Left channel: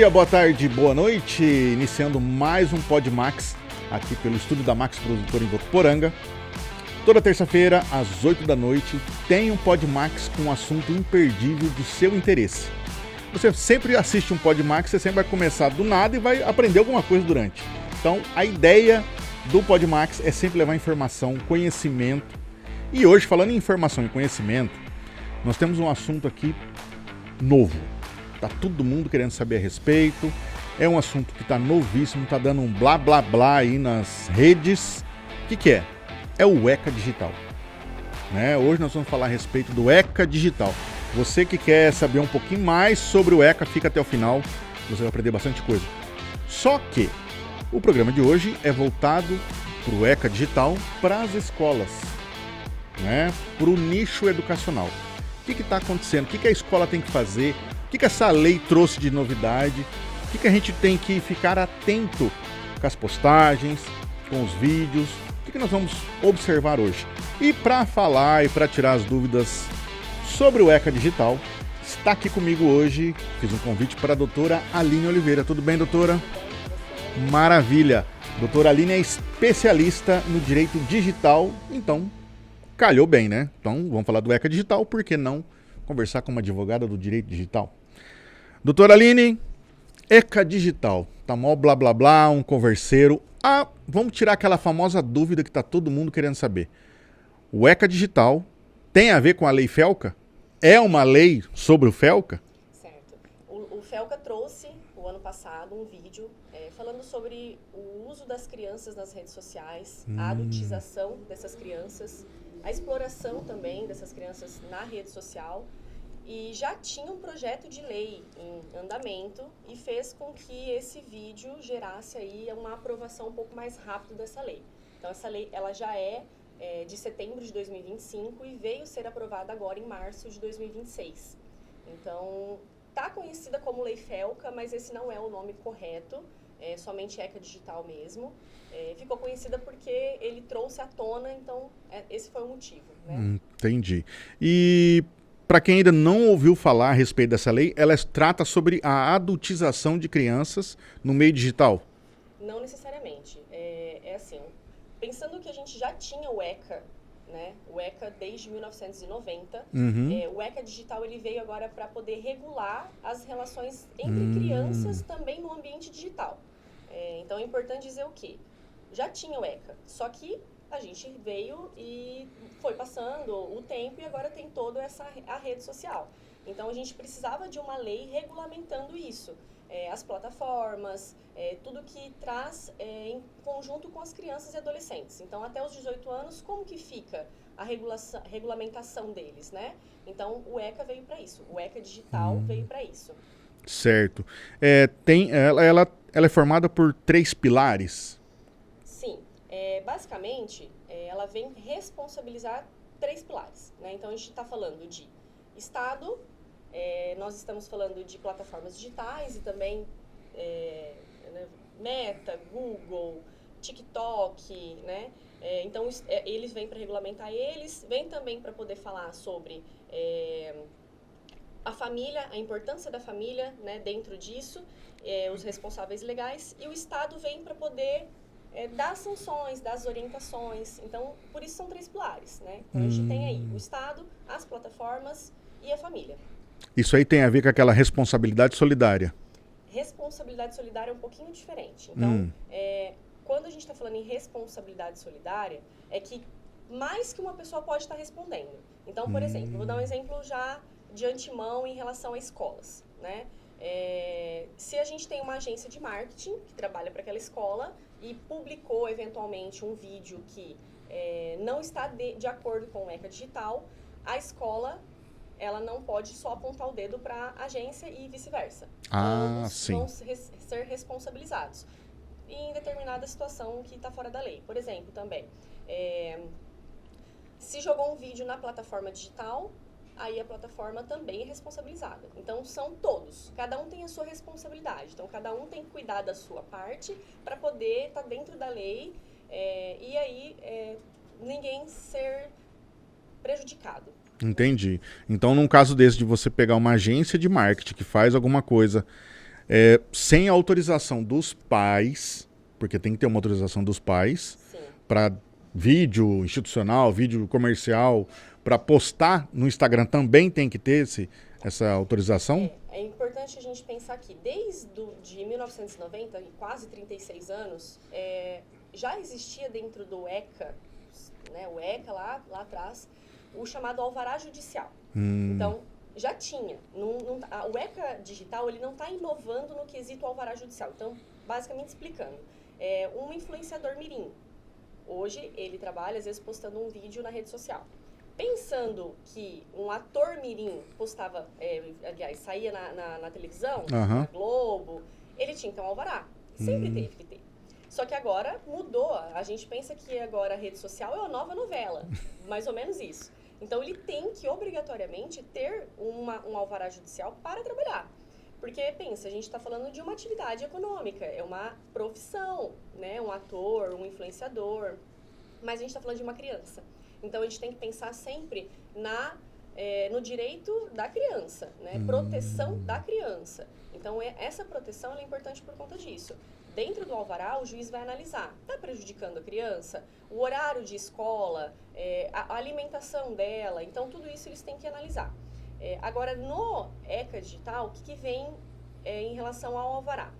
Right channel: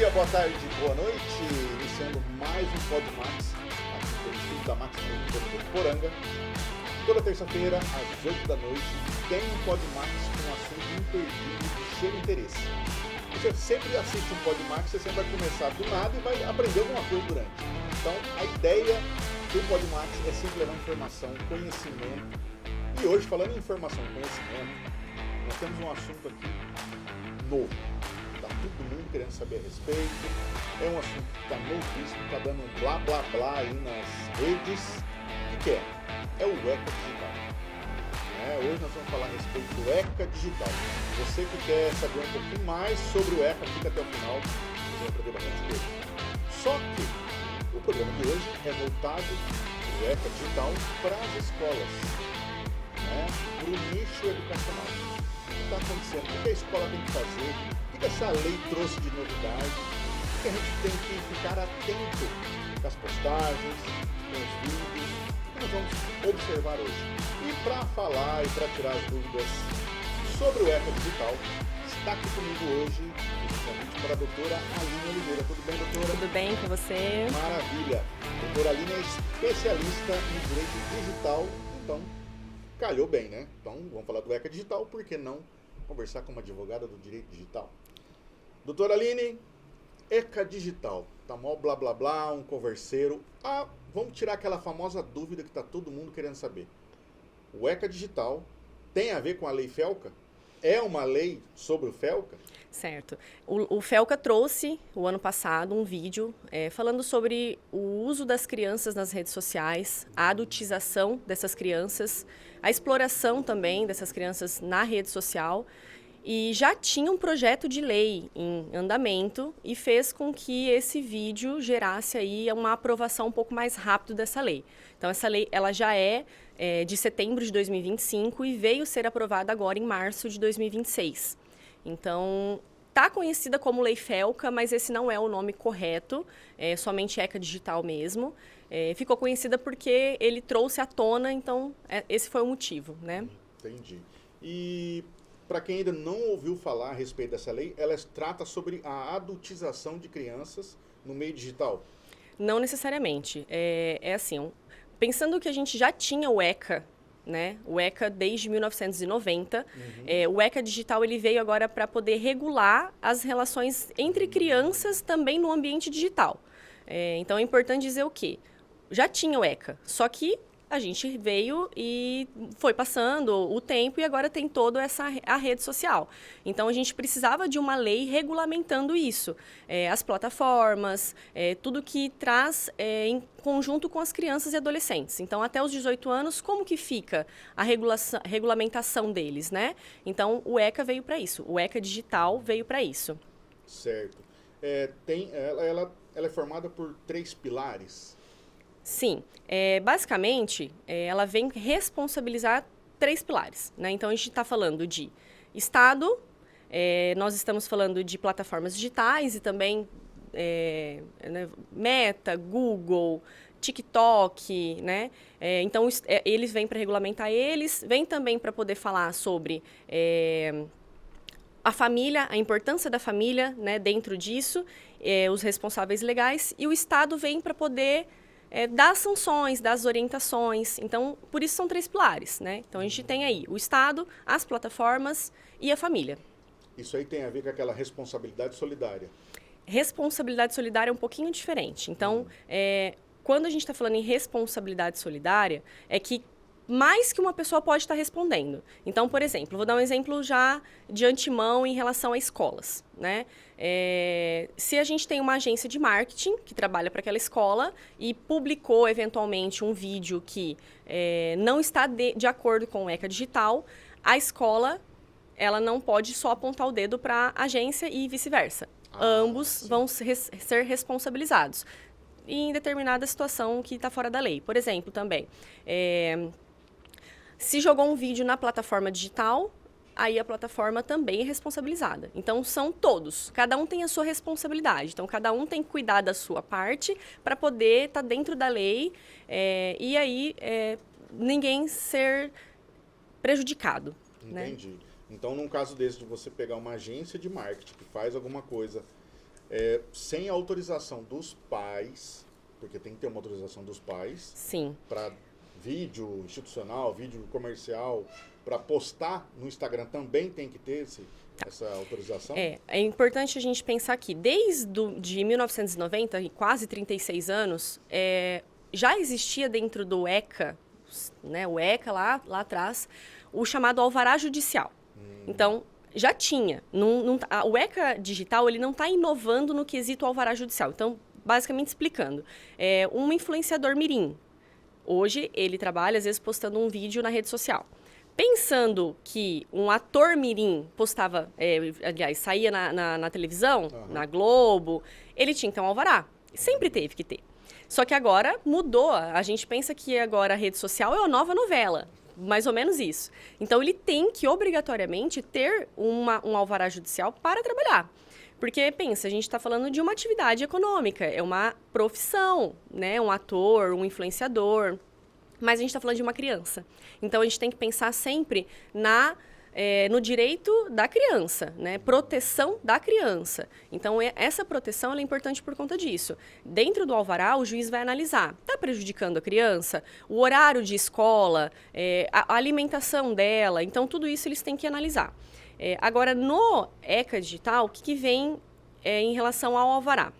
dia, boa tarde, boa noite. Iniciando mais um PodMax aqui pelo estúdio da Max Produtora em Votuporanga. Toda terça-feira, às 8 da noite, tem um PodMax com um assunto imperdível do seu interesse. Você sempre assiste um PodMax, você sempre vai começar do nada e vai aprender alguma coisa durante. Então, a ideia do PodMax é sempre levar informação, conhecimento. E hoje, falando em informação e conhecimento, nós temos um assunto aqui novo. Tá todo mundo querendo saber a respeito. É um assunto que tá novíssimo, tá dando um blá blá blá aí nas redes. O que é? É o ECA Digital. Hoje nós vamos falar a respeito do ECA Digital. Você que quer saber um pouquinho mais sobre o ECA, fica até o final. Você vai aprender bastante coisa. Só que o programa de hoje é voltado para o ECA Digital para as escolas, para o nicho educacional. O que está acontecendo? O que a escola tem que fazer? O que essa lei trouxe de novidade? O que a gente tem que ficar atento com as postagens, com os vídeos? O que nós vamos observar hoje? E para falar e para tirar as dúvidas sobre o ECA Digital, está aqui comigo hoje, fiz um convite para a doutora Aline Oliveira. Tudo bem, doutora? Tudo bem com você? Maravilha! Doutora Aline é especialista no direito digital, então calhou bem, né? Então vamos falar do ECA Digital, por que não conversar com uma advogada do direito digital? Doutora Aline, ECA Digital, tá mó blá blá blá, um converseiro. Vamos tirar aquela famosa dúvida que tá todo mundo querendo saber. O ECA Digital tem a ver com a lei FELCA? É uma lei sobre o FELCA? Certo. O FELCA trouxe, o ano passado, um vídeo falando sobre o uso das crianças nas redes sociais, a adultização dessas crianças, a exploração também dessas crianças na rede social. E já tinha um projeto de lei em andamento e fez com que esse vídeo gerasse aí uma aprovação um pouco mais rápido dessa lei. Então, essa lei ela já é de setembro de 2025 e veio ser aprovada agora em março de 2026. Então, está conhecida como Lei FELCA, mas esse não é o nome correto, é somente ECA Digital mesmo. Ficou conhecida porque ele trouxe à tona, então esse foi o motivo, né? Entendi. E para quem ainda não ouviu falar a respeito dessa lei, ela trata sobre a adultização de crianças no meio digital? Não necessariamente. É assim, pensando que a gente já tinha o ECA, né? O ECA desde 1990. O ECA Digital ele veio agora para poder regular as relações entre crianças também no ambiente digital. Então, é importante dizer o quê? Já tinha o ECA, só que a gente veio e foi passando o tempo e agora tem toda a rede social. Então, a gente precisava de uma lei regulamentando isso. As plataformas, tudo que traz em conjunto com as crianças e adolescentes. Então, até os 18 anos, como que fica a regulamentação deles, né? Então, o ECA veio para isso. O ECA Digital veio para isso. Certo. Ela é formada por 3 pilares? Sim. Basicamente, ela vem responsabilizar 3 pilares, né? Então, a gente está falando de Estado, nós estamos falando de plataformas digitais e também Meta, Google, TikTok, né? Então, eles vêm para regulamentar eles, vêm também para poder falar sobre a família, a importância da família, né, dentro disso, os responsáveis legais, e o Estado vem para poder dar sanções, das orientações. Então, por isso são 3 pilares, né? Então, a gente tem aí o Estado, as plataformas e a família. Isso aí tem a ver com aquela responsabilidade solidária? Responsabilidade solidária é um pouquinho diferente. Então, quando a gente está falando em responsabilidade solidária, é que mais que uma pessoa pode estar respondendo. Então, por exemplo, vou dar um exemplo já de antemão em relação a escolas, né? Se a gente tem uma agência de marketing que trabalha para aquela escola e publicou, eventualmente, um vídeo que não está de acordo com o ECA Digital, a escola ela não pode só apontar o dedo para a agência e vice-versa. Ambos vão ser responsabilizados em determinada situação que está fora da lei. Por exemplo, também, se jogou um vídeo na plataforma digital, aí a plataforma também é responsabilizada. Então, são todos. Cada um tem a sua responsabilidade. Então, cada um tem que cuidar da sua parte para poder estar dentro da lei e aí ninguém ser prejudicado. Entendi. Né? Então, num caso desse de você pegar uma agência de marketing que faz alguma coisa sem autorização dos pais, porque tem que ter uma autorização dos pais, Sim. para vídeo institucional, vídeo comercial, para postar no Instagram também tem que ter essa autorização? É importante a gente pensar que de 1990, e quase 36 anos, já existia dentro do ECA, né, o ECA lá atrás, o chamado alvará judicial. Então, já tinha. O ECA digital ele não está inovando no quesito alvará judicial. Então, basicamente explicando, um influenciador mirim, hoje ele trabalha, às vezes, postando um vídeo na rede social. Pensando que um ator mirim postava, aliás, saía na televisão, na Globo, ele tinha que ter um alvará. Sempre teve que ter. Só que agora mudou. A gente pensa que agora a rede social é uma nova novela. Mais ou menos isso. Então, ele tem que, obrigatoriamente, ter um alvará judicial para trabalhar. Porque, pensa, a gente está falando de uma atividade econômica. É uma profissão, né? Um ator, um influenciador. Mas a gente está falando de uma criança. Então, a gente tem que pensar sempre no direito da criança, né? Proteção da criança. Então, essa proteção ela é importante por conta disso. Dentro do alvará, o juiz vai analisar. Está prejudicando a criança? O horário de escola? A alimentação dela? Então, tudo isso eles têm que analisar. Agora, no ECA Digital, o que vem em relação ao alvará?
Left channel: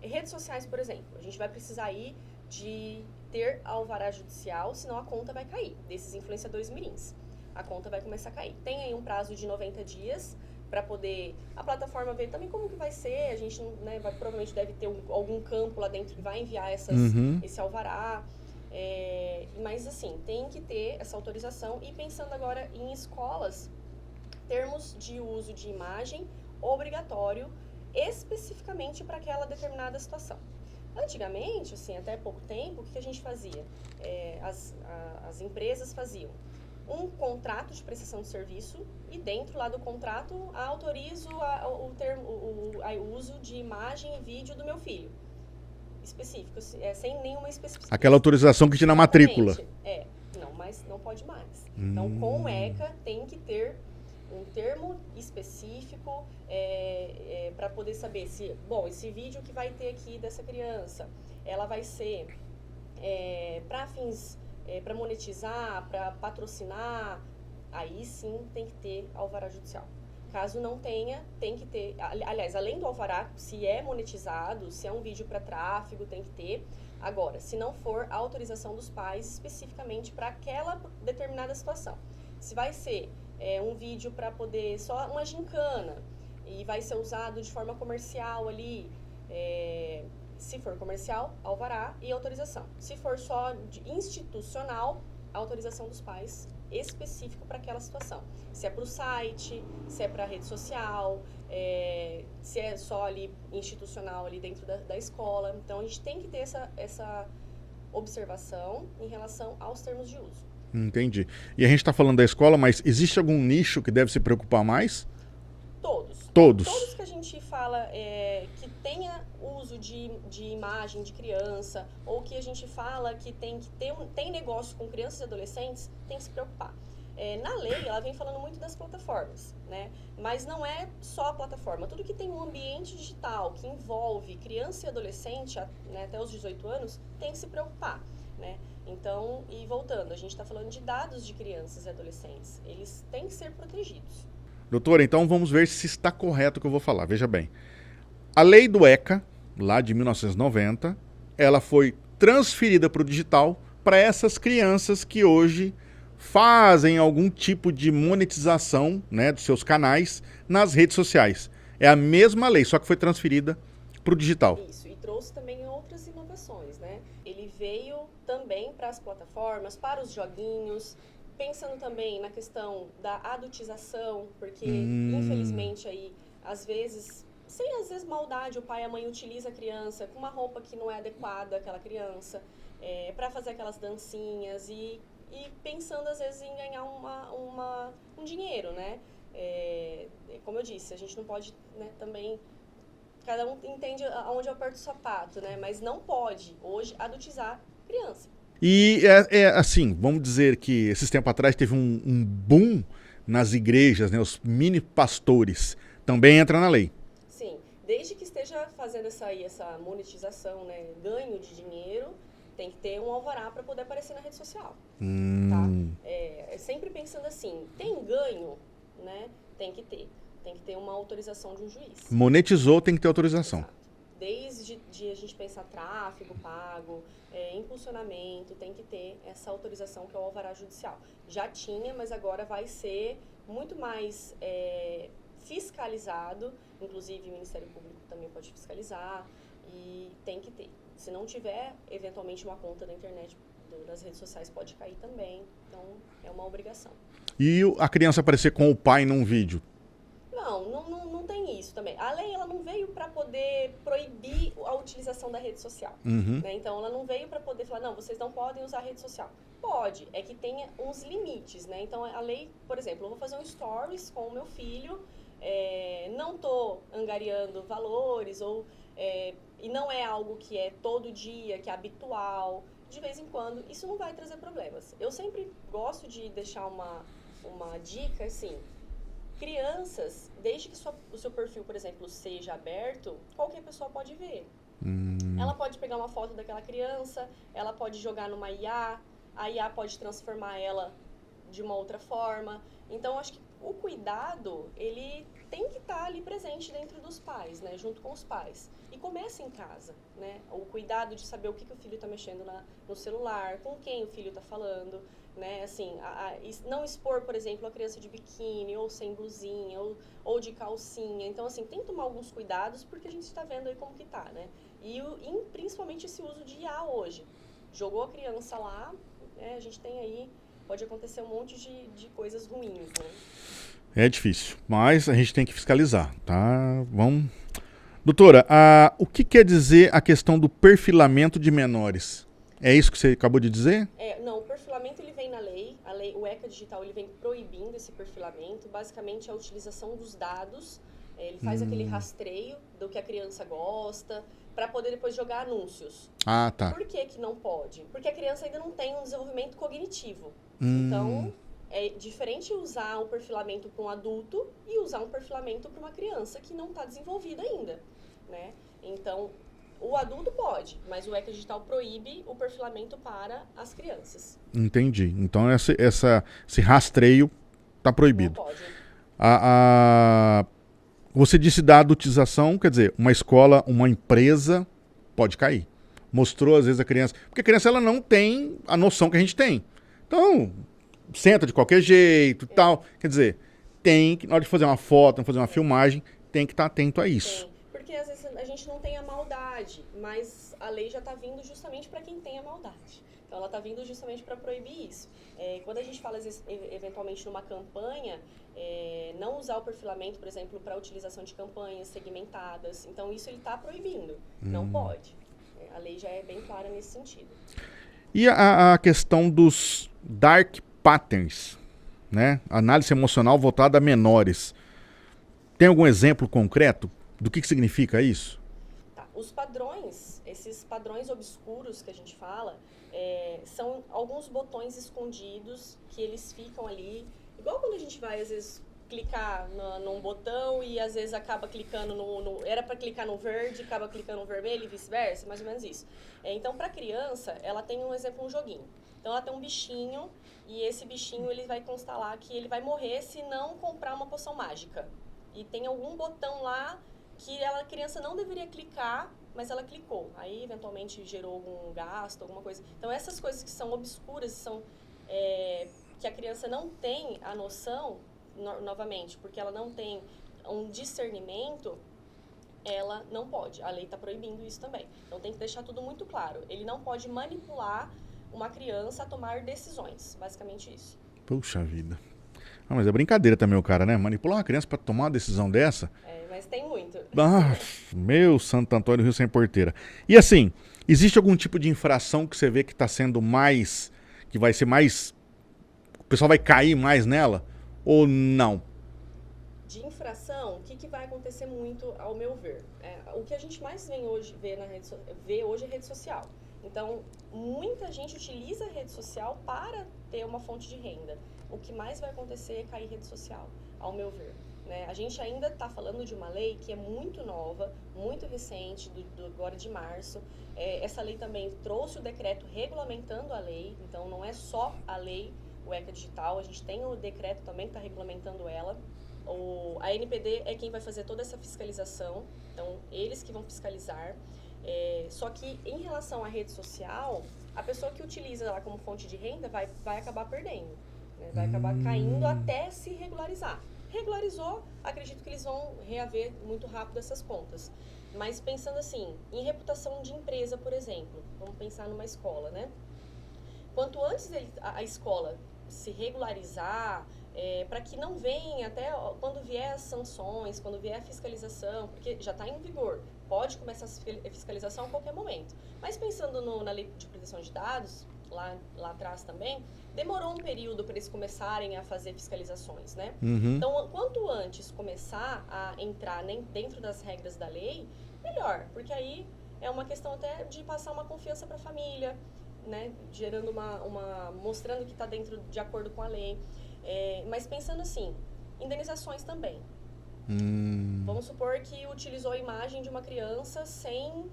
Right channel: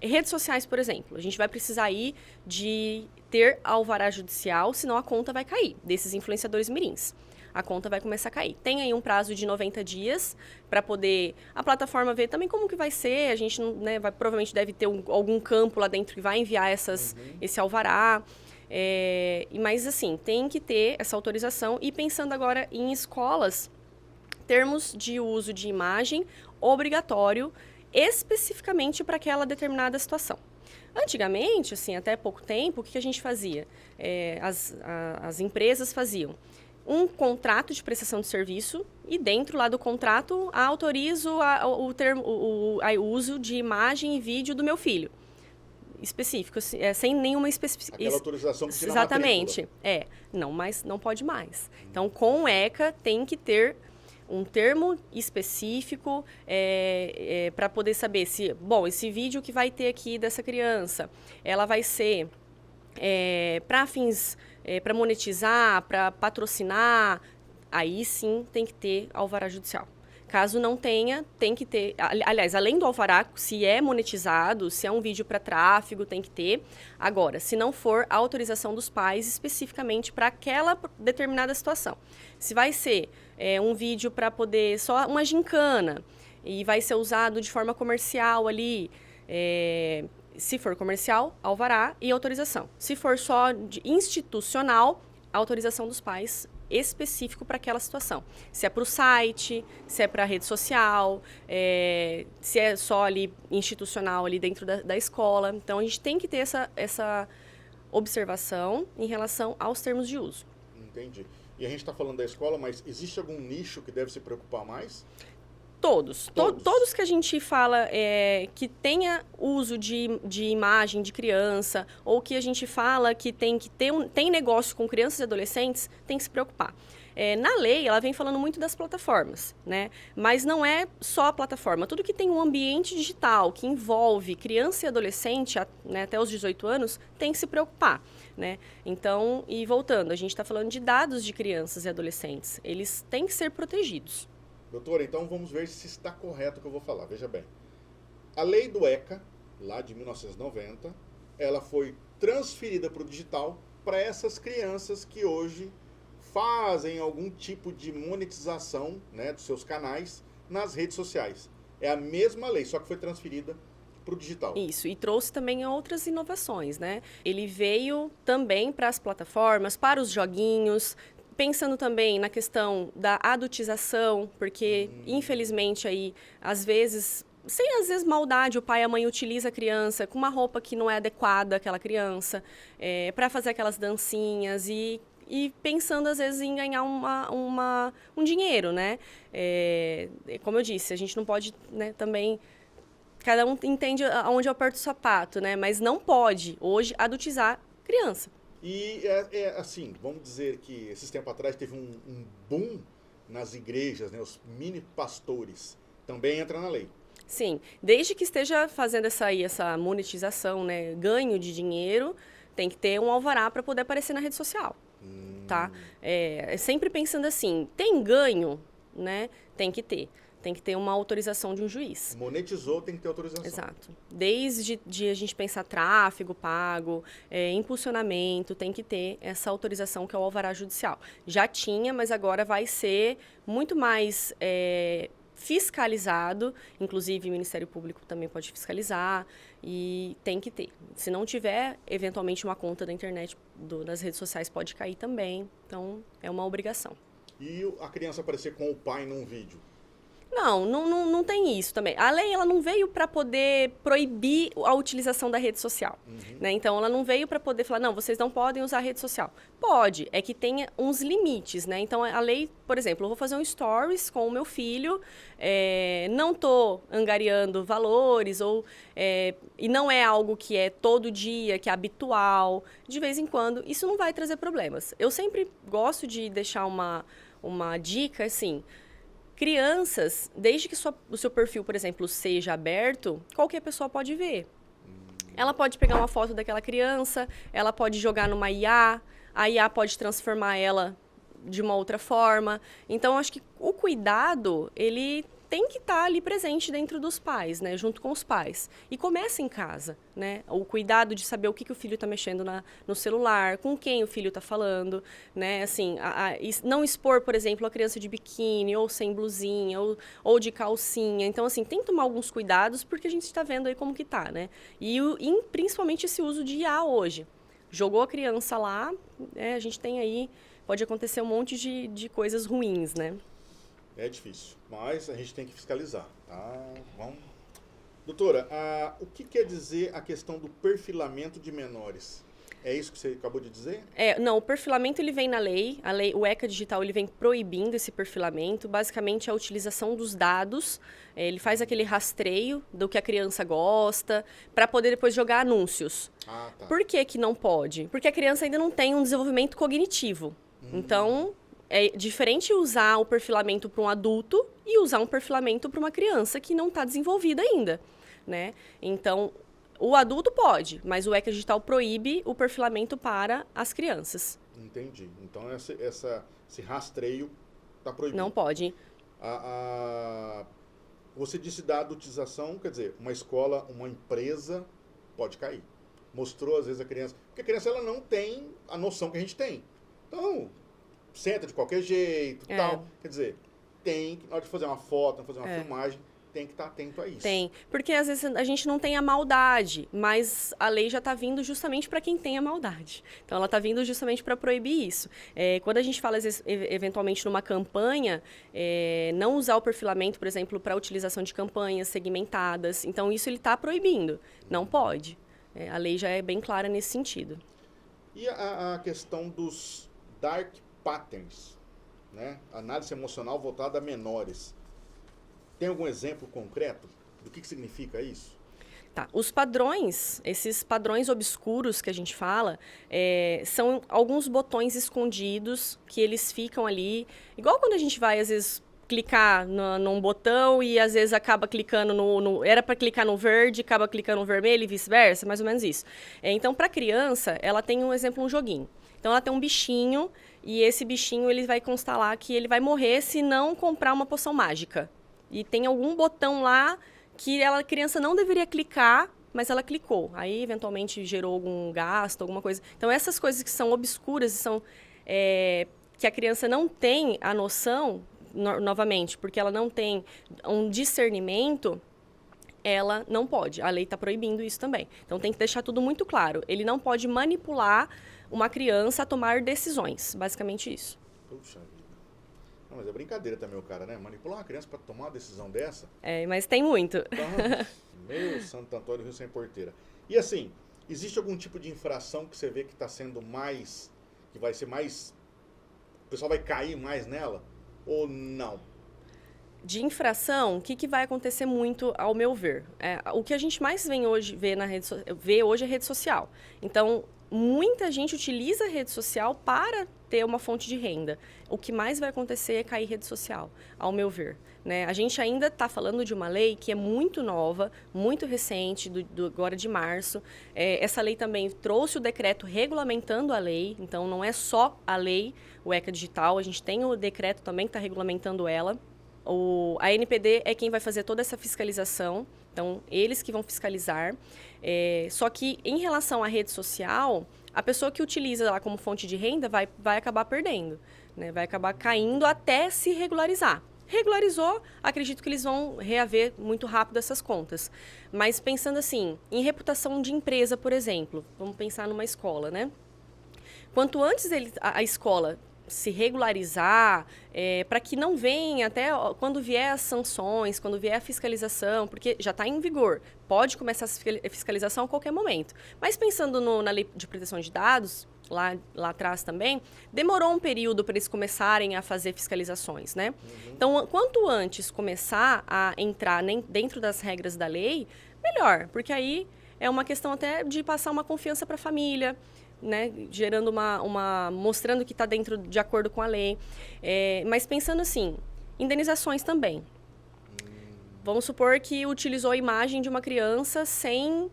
Redes sociais, por exemplo. A gente vai precisar aí de ter alvará judicial, senão a conta vai cair, desses influenciadores mirins. A conta vai começar a cair. Tem aí um prazo de 90 dias para poder a plataforma ver também como que vai ser. A gente provavelmente deve ter algum campo lá dentro que vai enviar esse alvará. Mas, assim, tem que ter essa autorização. E pensando agora em escolas, termos de uso de imagem obrigatório, especificamente para aquela determinada situação. Antigamente, assim, até pouco tempo, o que a gente fazia? As empresas faziam um contrato de prestação de serviço e dentro lá do contrato autorizo o uso de imagem e vídeo do meu filho. Específico, sem nenhuma especificidade. Aquela autorização que tinha na matrícula. Não, mas não pode mais. Então, com o ECA, tem que ter um termo específico para poder saber se... Bom, esse vídeo que vai ter aqui dessa criança, ela vai ser para fins... para monetizar, para patrocinar, aí sim tem que ter alvará judicial. Caso não tenha, tem que ter... Aliás, além do alvará, se é monetizado, se é um vídeo para tráfego, tem que ter. Agora, se não for, a autorização dos pais especificamente para aquela determinada situação. Se vai ser um vídeo para poder... Só uma gincana e vai ser usado de forma comercial ali... Se for comercial, alvará e autorização. Se for só institucional, autorização dos pais específico para aquela situação. Se é para o site, se é para a rede social, se é só ali institucional ali dentro da escola. Então, a gente tem que ter essa observação em relação aos termos de uso. Entendi. E a gente está falando da escola, mas existe algum nicho que deve se preocupar mais? Todos. Todos. Todos que a gente fala que tenha uso de imagem de criança ou que a gente fala que tem negócio com crianças e adolescentes, tem que se preocupar. Na lei, ela vem falando muito das plataformas, né? Mas não é só a plataforma. Tudo que tem um ambiente digital, que envolve criança e adolescente, né, até os 18 anos, tem que se preocupar, né? Então, e voltando, a gente está falando de dados de crianças e adolescentes. Eles têm que ser protegidos. Doutora, então vamos ver se está correto o que eu vou falar. Veja bem, a lei do ECA, lá de 1990, ela foi transferida para o digital para essas crianças que hoje fazem algum tipo de monetização, né, dos seus canais nas redes sociais. É a mesma lei, só que foi transferida para o digital. Isso, e trouxe também outras inovações, né? Ele veio também para as plataformas, para os joguinhos, pensando também na questão da adultização, porque, infelizmente, aí, às vezes, sem às vezes maldade, o pai e a mãe utiliza a criança com uma roupa que não é adequada àquela criança, para fazer aquelas dancinhas e pensando, às vezes, em ganhar um dinheiro, né? Como eu disse, a gente não pode, né, também... Cada um entende aonde eu aperto o sapato, né? Mas não pode, hoje, adultizar criança. E assim, vamos dizer que esses tempos atrás teve um boom nas igrejas, né? Os mini pastores também entra na lei. Sim, desde que esteja fazendo essa monetização, né, ganho de dinheiro, tem que ter um alvará para poder aparecer na rede social, tá? Sempre pensando assim, tem ganho, né? Tem que ter uma autorização de um juiz. Monetizou, tem que ter autorização. Exato. Desde a gente pensar tráfego pago, impulsionamento, tem que ter essa autorização que é o alvará judicial. Já tinha, mas agora vai ser muito mais fiscalizado, inclusive o Ministério Público também pode fiscalizar e tem que ter. Se não tiver, eventualmente uma conta da internet, das redes sociais pode cair também, então é uma obrigação. E a criança aparecer com o pai num vídeo? Não tem isso também. A lei ela não veio para poder proibir a utilização da rede social. Né? Então, ela não veio para poder falar, não, vocês não podem usar a rede social. Pode, é que tenha uns limites, né? Então, a lei, por exemplo, eu vou fazer um stories com o meu filho, não estou angariando valores, e não é algo que é todo dia, que é habitual, de vez em quando, isso não vai trazer problemas. Eu sempre gosto de deixar uma dica, assim... Crianças, desde que o seu perfil, por exemplo, seja aberto, qualquer pessoa pode ver. Ela pode pegar uma foto daquela criança, ela pode jogar numa IA, a IA pode transformar ela de uma outra forma. Então, acho que o cuidado, ele tem que estar ali presente dentro dos pais, né? Junto com os pais. E começa em casa, né? O cuidado de saber o que o filho está mexendo no celular, com quem o filho está falando, né? Assim, não expor, por exemplo, a criança de biquíni, ou sem blusinha, ou de calcinha. Então, assim, tem que tomar alguns cuidados, porque a gente está vendo aí como que tá, né? E principalmente esse uso de IA hoje. Jogou a criança lá, a gente tem aí... Pode acontecer um monte de coisas ruins, né? É difícil, mas a gente tem que fiscalizar, tá? Vamos... Doutora, o que quer dizer a questão do perfilamento de menores? É isso que você acabou de dizer? Não, o perfilamento ele vem na lei. O ECA Digital ele vem proibindo esse perfilamento. Basicamente, a utilização dos dados. Ele faz aquele rastreio do que a criança gosta, para poder depois jogar anúncios. Ah, tá. Por que não pode? Porque a criança ainda não tem um desenvolvimento cognitivo. Então, é diferente usar o perfilamento para um adulto e usar um perfilamento para uma criança que não está desenvolvida ainda, né? Então, o adulto pode, mas o ECA Digital proíbe o perfilamento para as crianças. Entendi. Então, esse rastreio está proibido. Não pode. Você disse da adultização, quer dizer, uma escola, uma empresa pode cair. Mostrou, às vezes, a criança... Porque a criança ela não tem a noção que a gente tem. Então, senta de qualquer jeito e tal. Quer dizer, na hora de fazer uma foto, fazer uma filmagem, tem que estar atento a isso. Tem, porque às vezes a gente não tem a maldade, mas a lei já está vindo justamente para quem tem a maldade. Então, ela está vindo justamente para proibir isso. Quando a gente fala, às vezes, eventualmente, numa campanha, não usar o perfilamento, por exemplo, para a utilização de campanhas segmentadas. Então, isso ele está proibindo. Não pode. A lei já é bem clara nesse sentido. E a questão dos dark patterns, né? Análise emocional voltada a menores. Tem algum exemplo concreto do que significa isso? Tá. Os padrões, esses padrões obscuros que a gente fala, são alguns botões escondidos que eles ficam ali. Igual quando a gente vai, às vezes, clicar num botão e, às vezes, acaba clicando era para clicar no verde, acaba clicando no vermelho e vice-versa, mais ou menos isso. Então, para a criança, ela tem, um joguinho. Então, ela tem um bichinho e esse bichinho ele vai constar lá que ele vai morrer se não comprar uma poção mágica. E tem algum botão lá que a criança não deveria clicar, mas ela clicou. Aí, eventualmente, gerou algum gasto, alguma coisa. Então, essas coisas que são obscuras, que a criança não tem a noção, novamente, porque ela não tem um discernimento, ela não pode. A lei está proibindo isso também. Então, tem que deixar tudo muito claro. Ele não pode manipular uma criança a tomar decisões. Basicamente isso. Puxa vida. Mas é brincadeira também o cara, né? Manipular uma criança para tomar uma decisão dessa. Mas tem muito. Meu Santo Antônio, Rio Sem Porteira. E assim, existe algum tipo de infração que você vê que está sendo mais... que vai ser mais... o pessoal vai cair mais nela? Ou não? De infração, o que vai acontecer muito, ao meu ver? O que a gente mais vê hoje é rede social. Então, muita gente utiliza a rede social para ter uma fonte de renda. O que mais vai acontecer é cair rede social, ao meu ver. Né? A gente ainda está falando de uma lei que é muito nova, muito recente, agora de março. Essa lei também trouxe o decreto regulamentando a lei, então não é só a lei, o ECA Digital, a gente tem o decreto também que está regulamentando ela. A ANPD é quem vai fazer toda essa fiscalização, então eles que vão fiscalizar. Só que em relação à rede social, a pessoa que utiliza lá como fonte de renda vai acabar perdendo, né? Vai acabar caindo até se regularizar. Regularizou, acredito que eles vão reaver muito rápido essas contas. Mas pensando assim, em reputação de empresa, por exemplo, vamos pensar numa escola, né? Quanto antes a escola se regularizar, para que não venha até quando vier as sanções, quando vier a fiscalização, porque já está em vigor, pode começar a fiscalização a qualquer momento. Mas pensando na lei de proteção de dados, lá atrás também, demorou um período para eles começarem a fazer fiscalizações, né? Uhum. Então, quanto antes começar a entrar dentro das regras da lei, melhor, porque aí é uma questão até de passar uma confiança para a família, né? Gerando mostrando que está de acordo com a lei. Mas pensando assim, indenizações também. Vamos supor que utilizou a imagem de uma criança sem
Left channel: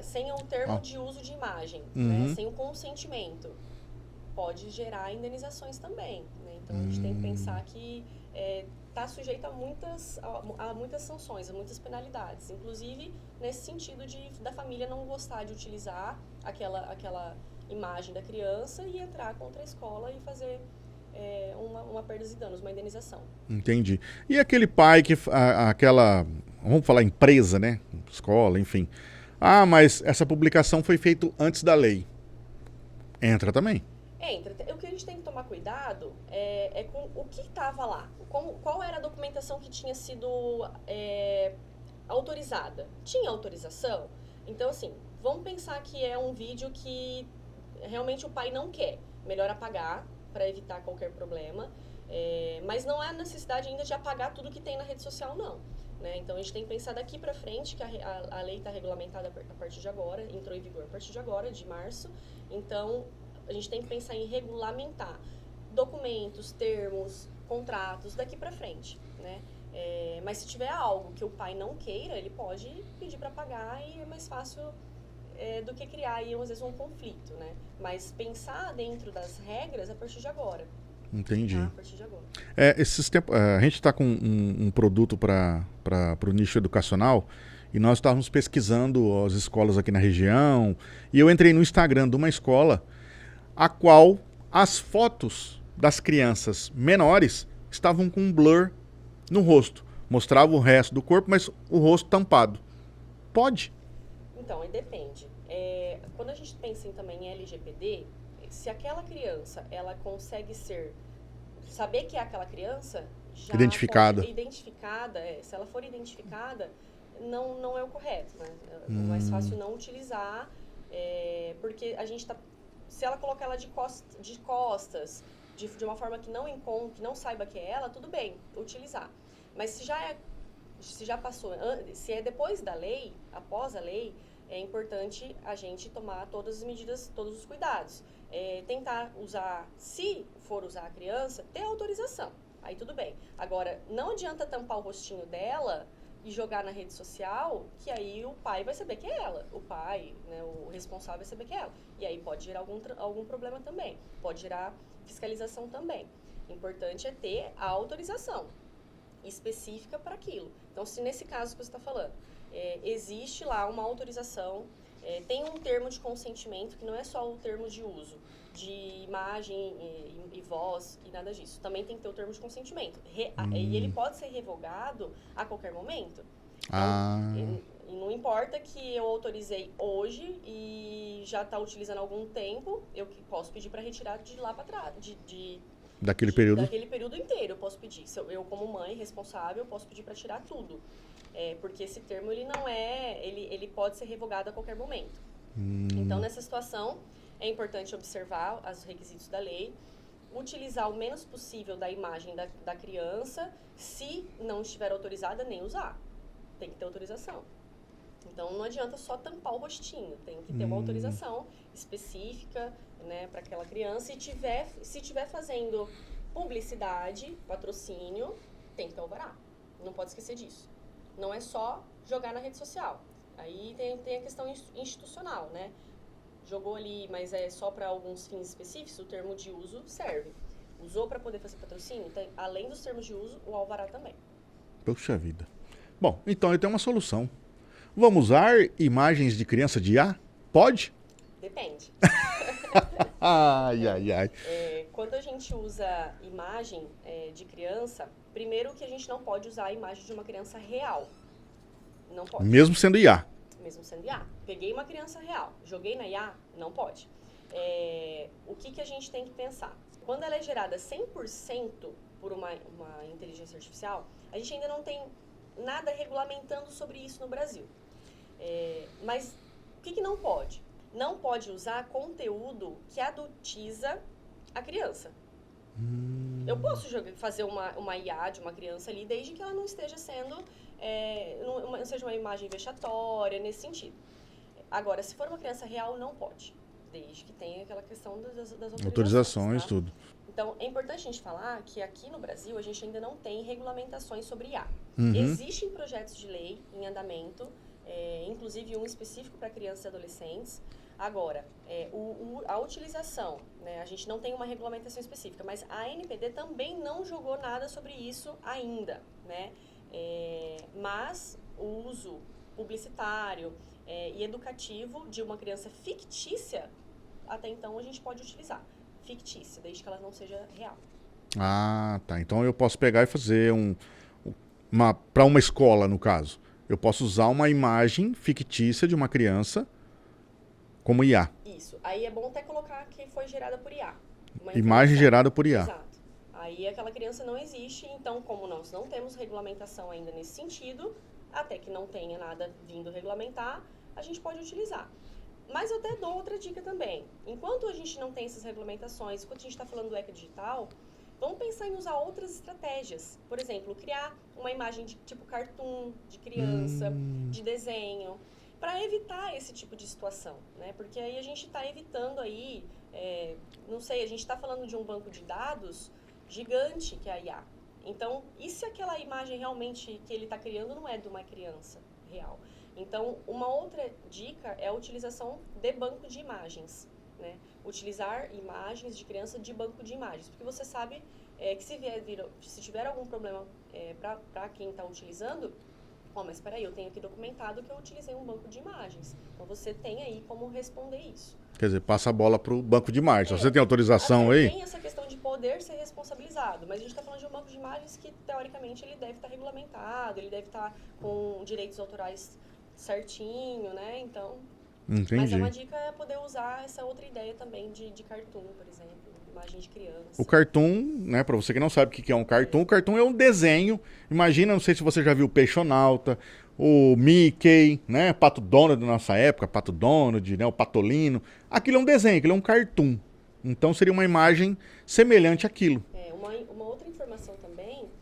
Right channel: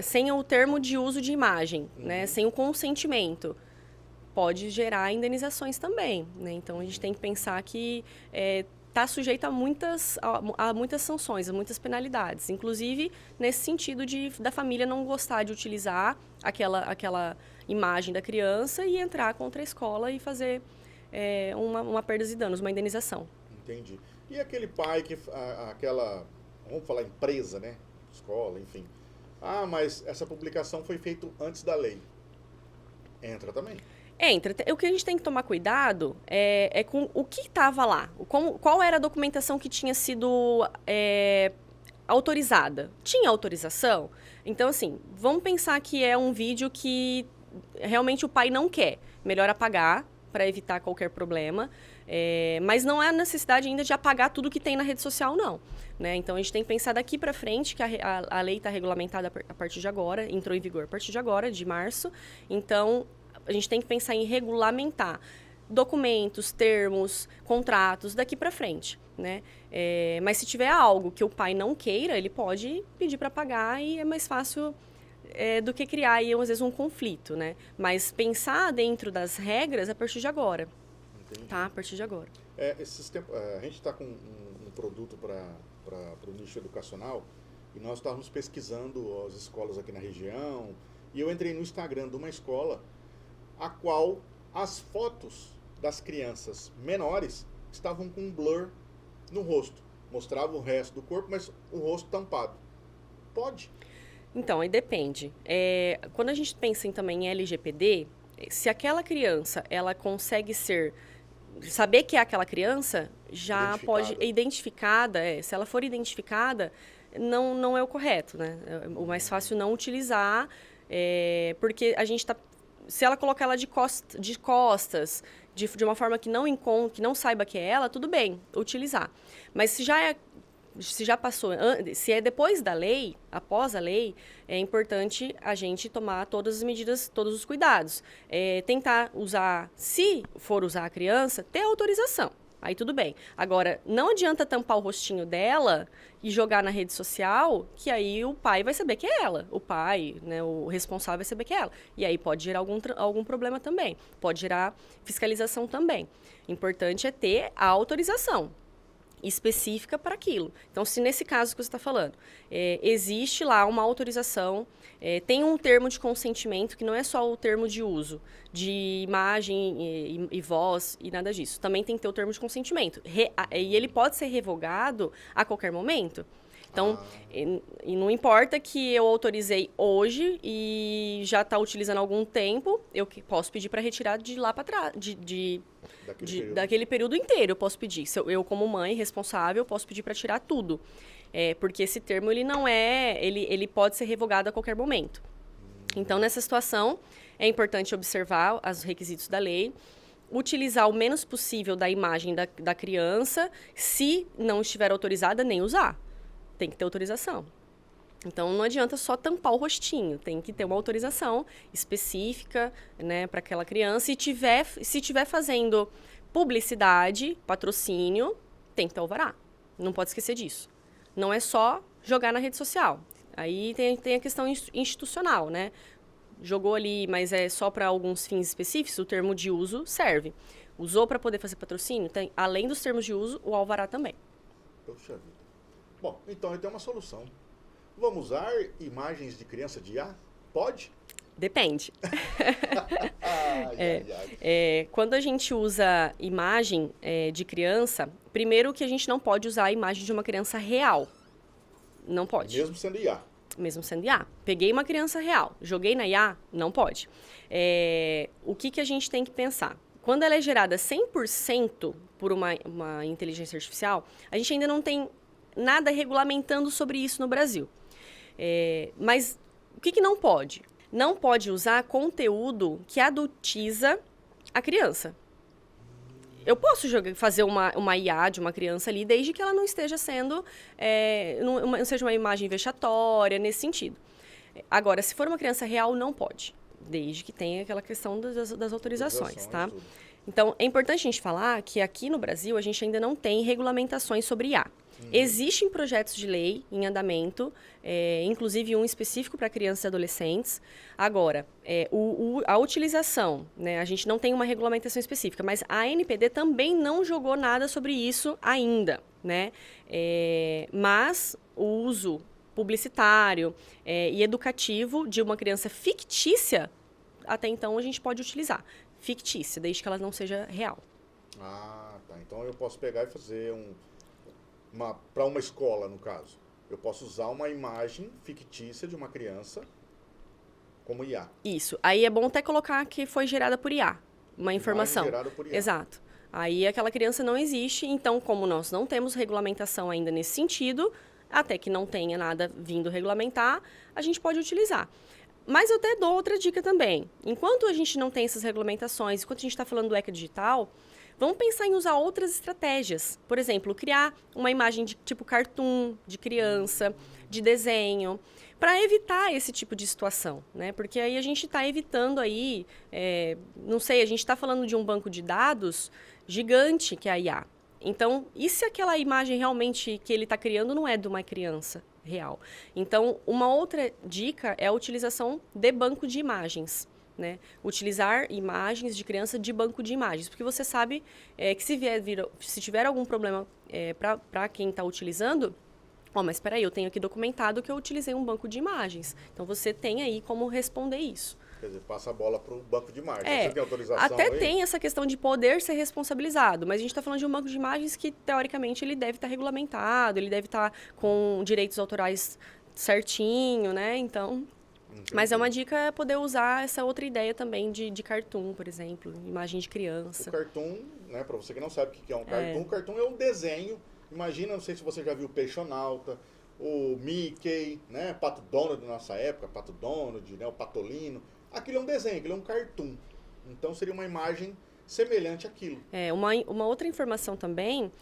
sem o termo de uso de imagem, né? Sem o consentimento. Pode gerar indenizações também, né? Então, a gente tem que pensar que está sujeito a muitas sanções, a muitas penalidades. Inclusive, nesse sentido da família não gostar de utilizar aquela imagem da criança e entrar contra a escola e fazer uma perda de danos, uma indenização. Entendi. E aquele pai que... Vamos falar empresa, né? Escola, enfim. Ah, mas essa publicação foi feita antes da lei. Entra também? Entra. O que a gente tem que tomar cuidado é com o que estava lá. Qual era a documentação que tinha sido autorizada? Tinha autorização? Então, assim, vamos pensar que é um vídeo que realmente o pai não quer. Melhor apagar para evitar qualquer problema. Mas não há necessidade ainda de apagar tudo que tem na rede social, não. Né? Então, a gente tem que pensar daqui para frente, que a lei está regulamentada a partir de agora, entrou em vigor a partir de agora, de março. Então, a gente tem que pensar em regulamentar documentos, termos, contratos daqui para frente, né? Mas se tiver algo que o pai não queira, ele pode pedir para pagar e é mais fácil do que criar aí, às vezes, um conflito, né? Mas pensar dentro das regras a partir de agora. Entendi. Tá? A partir de agora. A gente está com um produto para o nicho educacional e nós estávamos pesquisando as escolas aqui na região e eu entrei no Instagram de uma escola a qual as fotos das crianças menores estavam com um blur no rosto. Mostrava o resto do corpo, mas o rosto tampado. Pode? Então, aí depende. Quando a gente pensa também em LGPD, se aquela criança ela consegue saber que é aquela criança, já pode identificada. Se ela for identificada, não é o correto, né? É o mais fácil não utilizar, porque a gente está... Se ela colocar ela de costas, de uma forma que não saiba que é ela, tudo bem, utilizar. Mas se já passou, se é depois da lei, após a lei, é importante a gente tomar todas as medidas, todos os cuidados. Tentar usar, se for usar a criança, ter autorização. Aí tudo bem. Agora, não adianta tampar o rostinho dela e jogar na rede social, que aí o pai vai saber que é ela. O pai, né, o responsável vai saber que é ela. E aí pode gerar algum problema também. Pode gerar fiscalização também. Importante é ter a autorização específica para aquilo. Então, se nesse caso que você está falando, existe lá uma autorização, tem um termo de consentimento que não é só o termo de uso, de imagem e voz e nada disso. Também tem que ter o termo de consentimento. E ele pode ser revogado a qualquer momento. Então, e não importa que eu autorizei hoje e já está utilizando há algum tempo, eu posso pedir para retirar de lá para trás, daquele período inteiro eu posso pedir. Eu como mãe responsável, posso pedir para tirar tudo. Porque esse termo, ele pode ser revogado a qualquer momento. Então, nessa situação, é importante observar os requisitos da lei, utilizar o menos possível da imagem da criança, se não estiver autorizada, nem usar. Tem que ter autorização. Então, não adianta só tampar o rostinho, tem que ter uma autorização específica, né, para aquela criança. E se tiver fazendo publicidade, patrocínio, tem que ter alvará. Não pode esquecer disso. Não é só jogar na rede social. Aí tem a questão institucional, né? Jogou ali, mas é só para alguns fins específicos, o termo de uso serve. Usou para poder fazer patrocínio, tem, além dos termos de uso, o alvará também. Puxa vida. Bom, então eu tenho uma solução. Vamos usar imagens de criança de IA? Pode? Depende. Ai. Quando a gente usa imagem de criança, primeiro que a gente não pode usar a imagem de uma criança real. Não pode. Mesmo sendo IA? Mesmo sendo IA. Peguei uma criança real, joguei na IA, não pode. O que a gente tem que pensar? Quando ela é gerada 100% por uma inteligência artificial, a gente ainda não tem nada regulamentando sobre isso no Brasil. Mas o que não pode? Não pode usar conteúdo que adultiza a criança. Eu posso fazer uma IA de uma criança ali, desde que ela não esteja sendo... não seja uma imagem vexatória, nesse sentido. Agora, se for uma criança real, não pode. Desde que tenha aquela questão das autorizações, tá? Tudo. Então, é importante a gente falar que aqui no Brasil a gente ainda não tem regulamentações sobre IA. Existem projetos de lei em andamento, inclusive um específico para crianças e adolescentes. Agora, a utilização, né, a gente não tem uma regulamentação específica, mas a ANPD também não jogou nada sobre isso ainda, né? Mas o uso publicitário e educativo de uma criança fictícia, até então a gente pode utilizar. Fictícia, desde que ela não seja real. Ah, tá. Então eu posso pegar e fazer para uma escola, no caso. Eu posso usar uma imagem fictícia de uma criança como IA. Isso. Aí é bom até colocar que foi gerada por IA. Uma informação. Imagem gerada por IA. Exato. Aí aquela criança não existe, então como nós não temos regulamentação ainda nesse sentido, até que não tenha nada vindo regulamentar, a gente pode utilizar. Mas eu até dou outra dica também. Enquanto a gente não tem essas regulamentações, enquanto a gente está falando do ECA digital, vamos pensar em usar outras estratégias. Por exemplo, criar uma imagem de tipo cartoon, de criança, de desenho, para evitar esse tipo de situação, né? Porque aí a gente está evitando aí, não sei, a gente está falando de um banco de dados gigante que é a IA. Então, e se aquela imagem realmente que ele está criando não é de uma criança real? Então, uma outra dica é a utilização de banco de imagens, né? Utilizar imagens de criança de banco de imagens, porque você sabe que se tiver algum problema para quem está utilizando, mas espera aí, eu tenho aqui documentado que eu utilizei um banco de imagens. Então, você tem aí como responder isso. Quer dizer, passa a bola para o banco de imagens. Você tem autorização aí? Até tem essa questão de poder ser responsabilizado, mas a gente está falando de um banco de imagens que, teoricamente, ele deve estar regulamentado, ele deve estar com direitos autorais certinho, né? Então... Entendi. Mas é uma dica poder usar essa outra ideia também de cartoon, por exemplo, imagem de criança. O cartoon, né, para você que não sabe o que é um cartoon, o cartoon é um desenho. Imagina, não sei se você já viu o Peixonauta, o Mickey, né, Pato Donald da nossa época, Pato Donald, né, o Patolino. Aquilo é um desenho, aquilo é um cartoon. Então seria uma imagem semelhante àquilo. Uma outra informação também,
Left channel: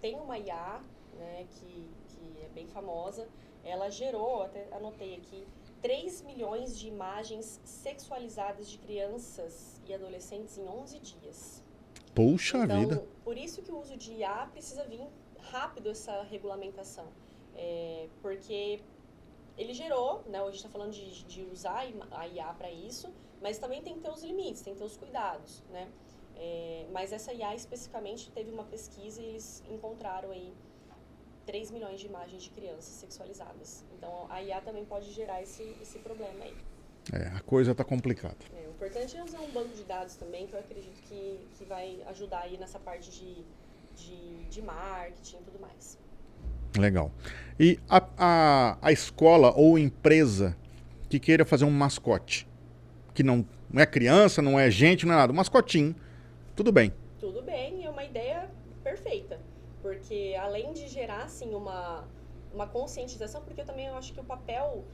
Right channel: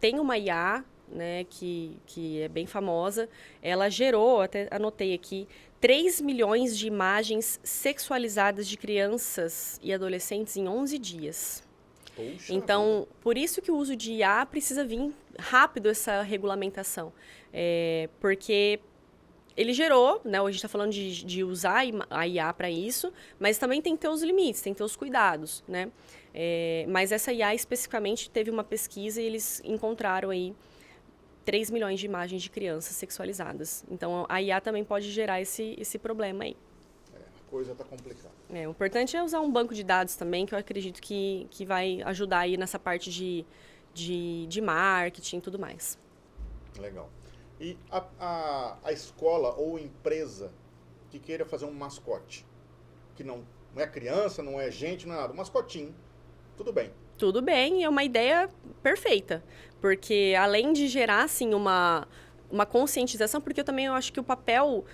tem uma IA, né, que é bem famosa, ela gerou, até anotei aqui, 3 milhões de imagens sexualizadas de crianças e adolescentes em 11 dias. Puxa vida. Então, por isso que o uso de IA precisa vir rápido essa regulamentação. Porque ele gerou, né? Hoje a gente está falando de usar a IA para isso, mas também tem que ter os limites, tem que ter os cuidados, né? Mas essa IA especificamente teve uma pesquisa e eles encontraram aí 3 milhões de imagens de crianças sexualizadas. Então, a IA também pode gerar esse problema aí. A coisa está complicada. O importante é usar um banco de dados também, que eu acredito que vai ajudar aí nessa parte de marketing e tudo mais. Legal. E a escola ou empresa que queira fazer um mascote, que não é criança, não é gente, não é nada, um mascotinho, tudo bem. Tudo bem, é uma ideia perfeita. Porque além de gerar, assim, uma conscientização, porque eu acho que o papel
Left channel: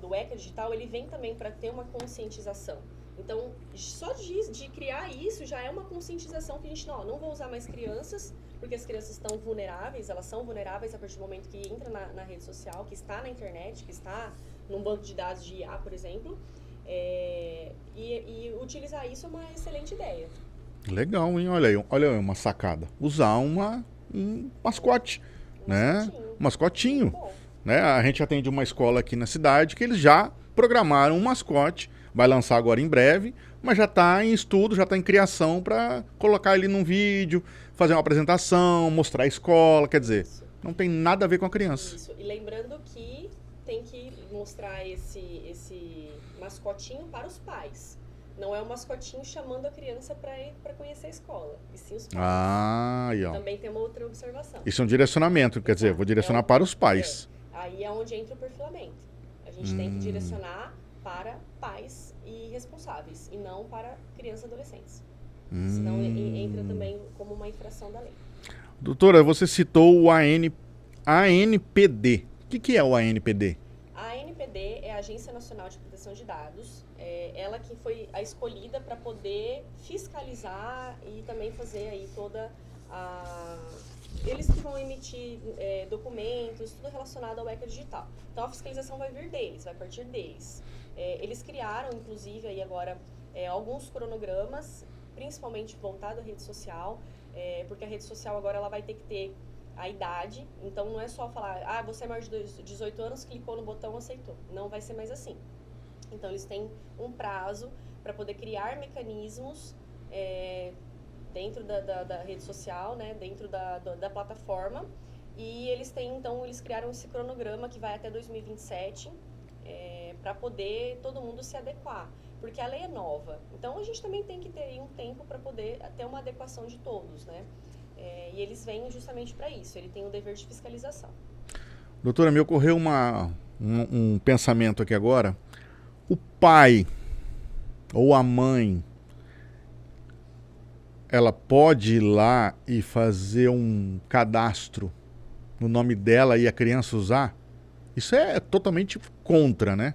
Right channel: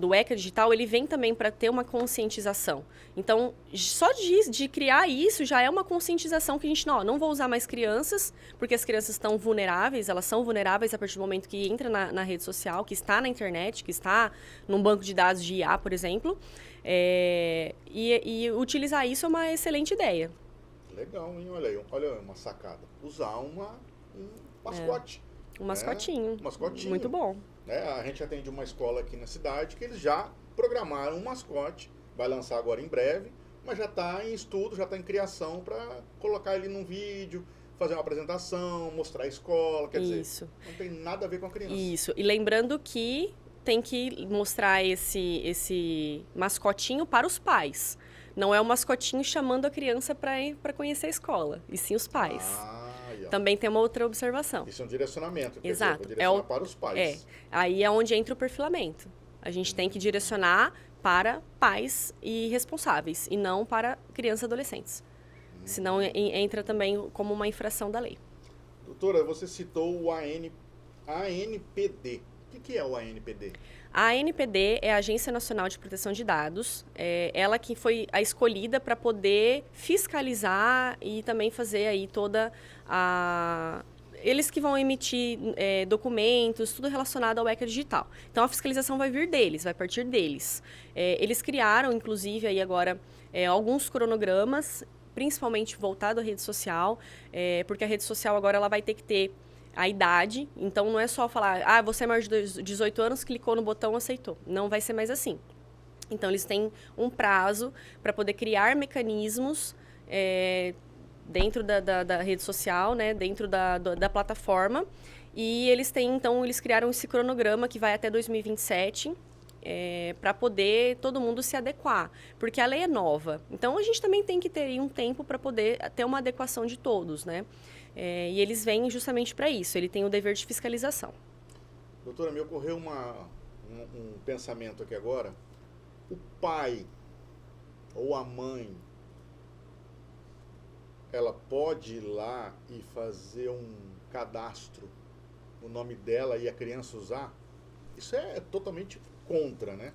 do ECA Digital, ele vem também para ter uma conscientização. Então, só de criar isso já é uma conscientização que a gente, não vou usar mais crianças, porque as crianças estão vulneráveis, elas são vulneráveis a partir do momento que entra na rede social, que está na internet, que está num banco de dados de IA, por exemplo. E utilizar isso é uma excelente ideia. Legal, hein? Olha aí uma sacada. Usar um mascote. Um mascotinho. Um mascotinho. Muito bom. Né? A gente atende uma escola aqui na cidade que eles já programaram um mascote, vai lançar agora em breve, mas já está em estudo, já está em criação para colocar ele num vídeo, fazer uma apresentação, mostrar a escola, quer dizer, não tem nada a ver com a criança. Isso, e lembrando que tem que mostrar esse mascotinho para os pais. Não é o mascotinho chamando a criança para conhecer a escola, e sim os pais. Também tem uma outra observação. Isso é um direcionamento, quer dizer, vou direcionar para os pais. Aí é onde entra o perfilamento. A gente tem que direcionar para pais e responsáveis, e não para crianças e adolescentes. Senão entra também como uma infração da lei. Doutora, você citou o ANPD. O que é o ANPD? A ANPD é a Agência Nacional de Proteção de Dados. Ela que foi a escolhida para poder fiscalizar e também fazer aí toda a... Eles que vão emitir documentos, tudo relacionado ao ECA Digital. Então, a fiscalização vai vir deles, vai partir deles. Eles criaram, inclusive, aí agora, alguns cronogramas, principalmente voltado à rede social, porque a rede social agora ela vai ter que ter a idade, então não é só falar, você é maior de 18 anos, clicou no botão, aceitou. Não vai ser mais assim. Então, eles têm um prazo para poder criar mecanismos dentro da rede social, né, dentro da plataforma, e eles criaram esse cronograma que vai até 2027, para poder todo mundo se adequar, porque a lei é nova. Então, a gente também tem que ter aí um tempo para poder ter uma adequação de todos, né? E eles vêm justamente para isso, ele tem o dever de fiscalização. Doutora, me ocorreu um pensamento aqui agora. O pai ou a mãe, ela pode ir lá e fazer um cadastro no nome dela e a criança usar? Isso é totalmente contra, né?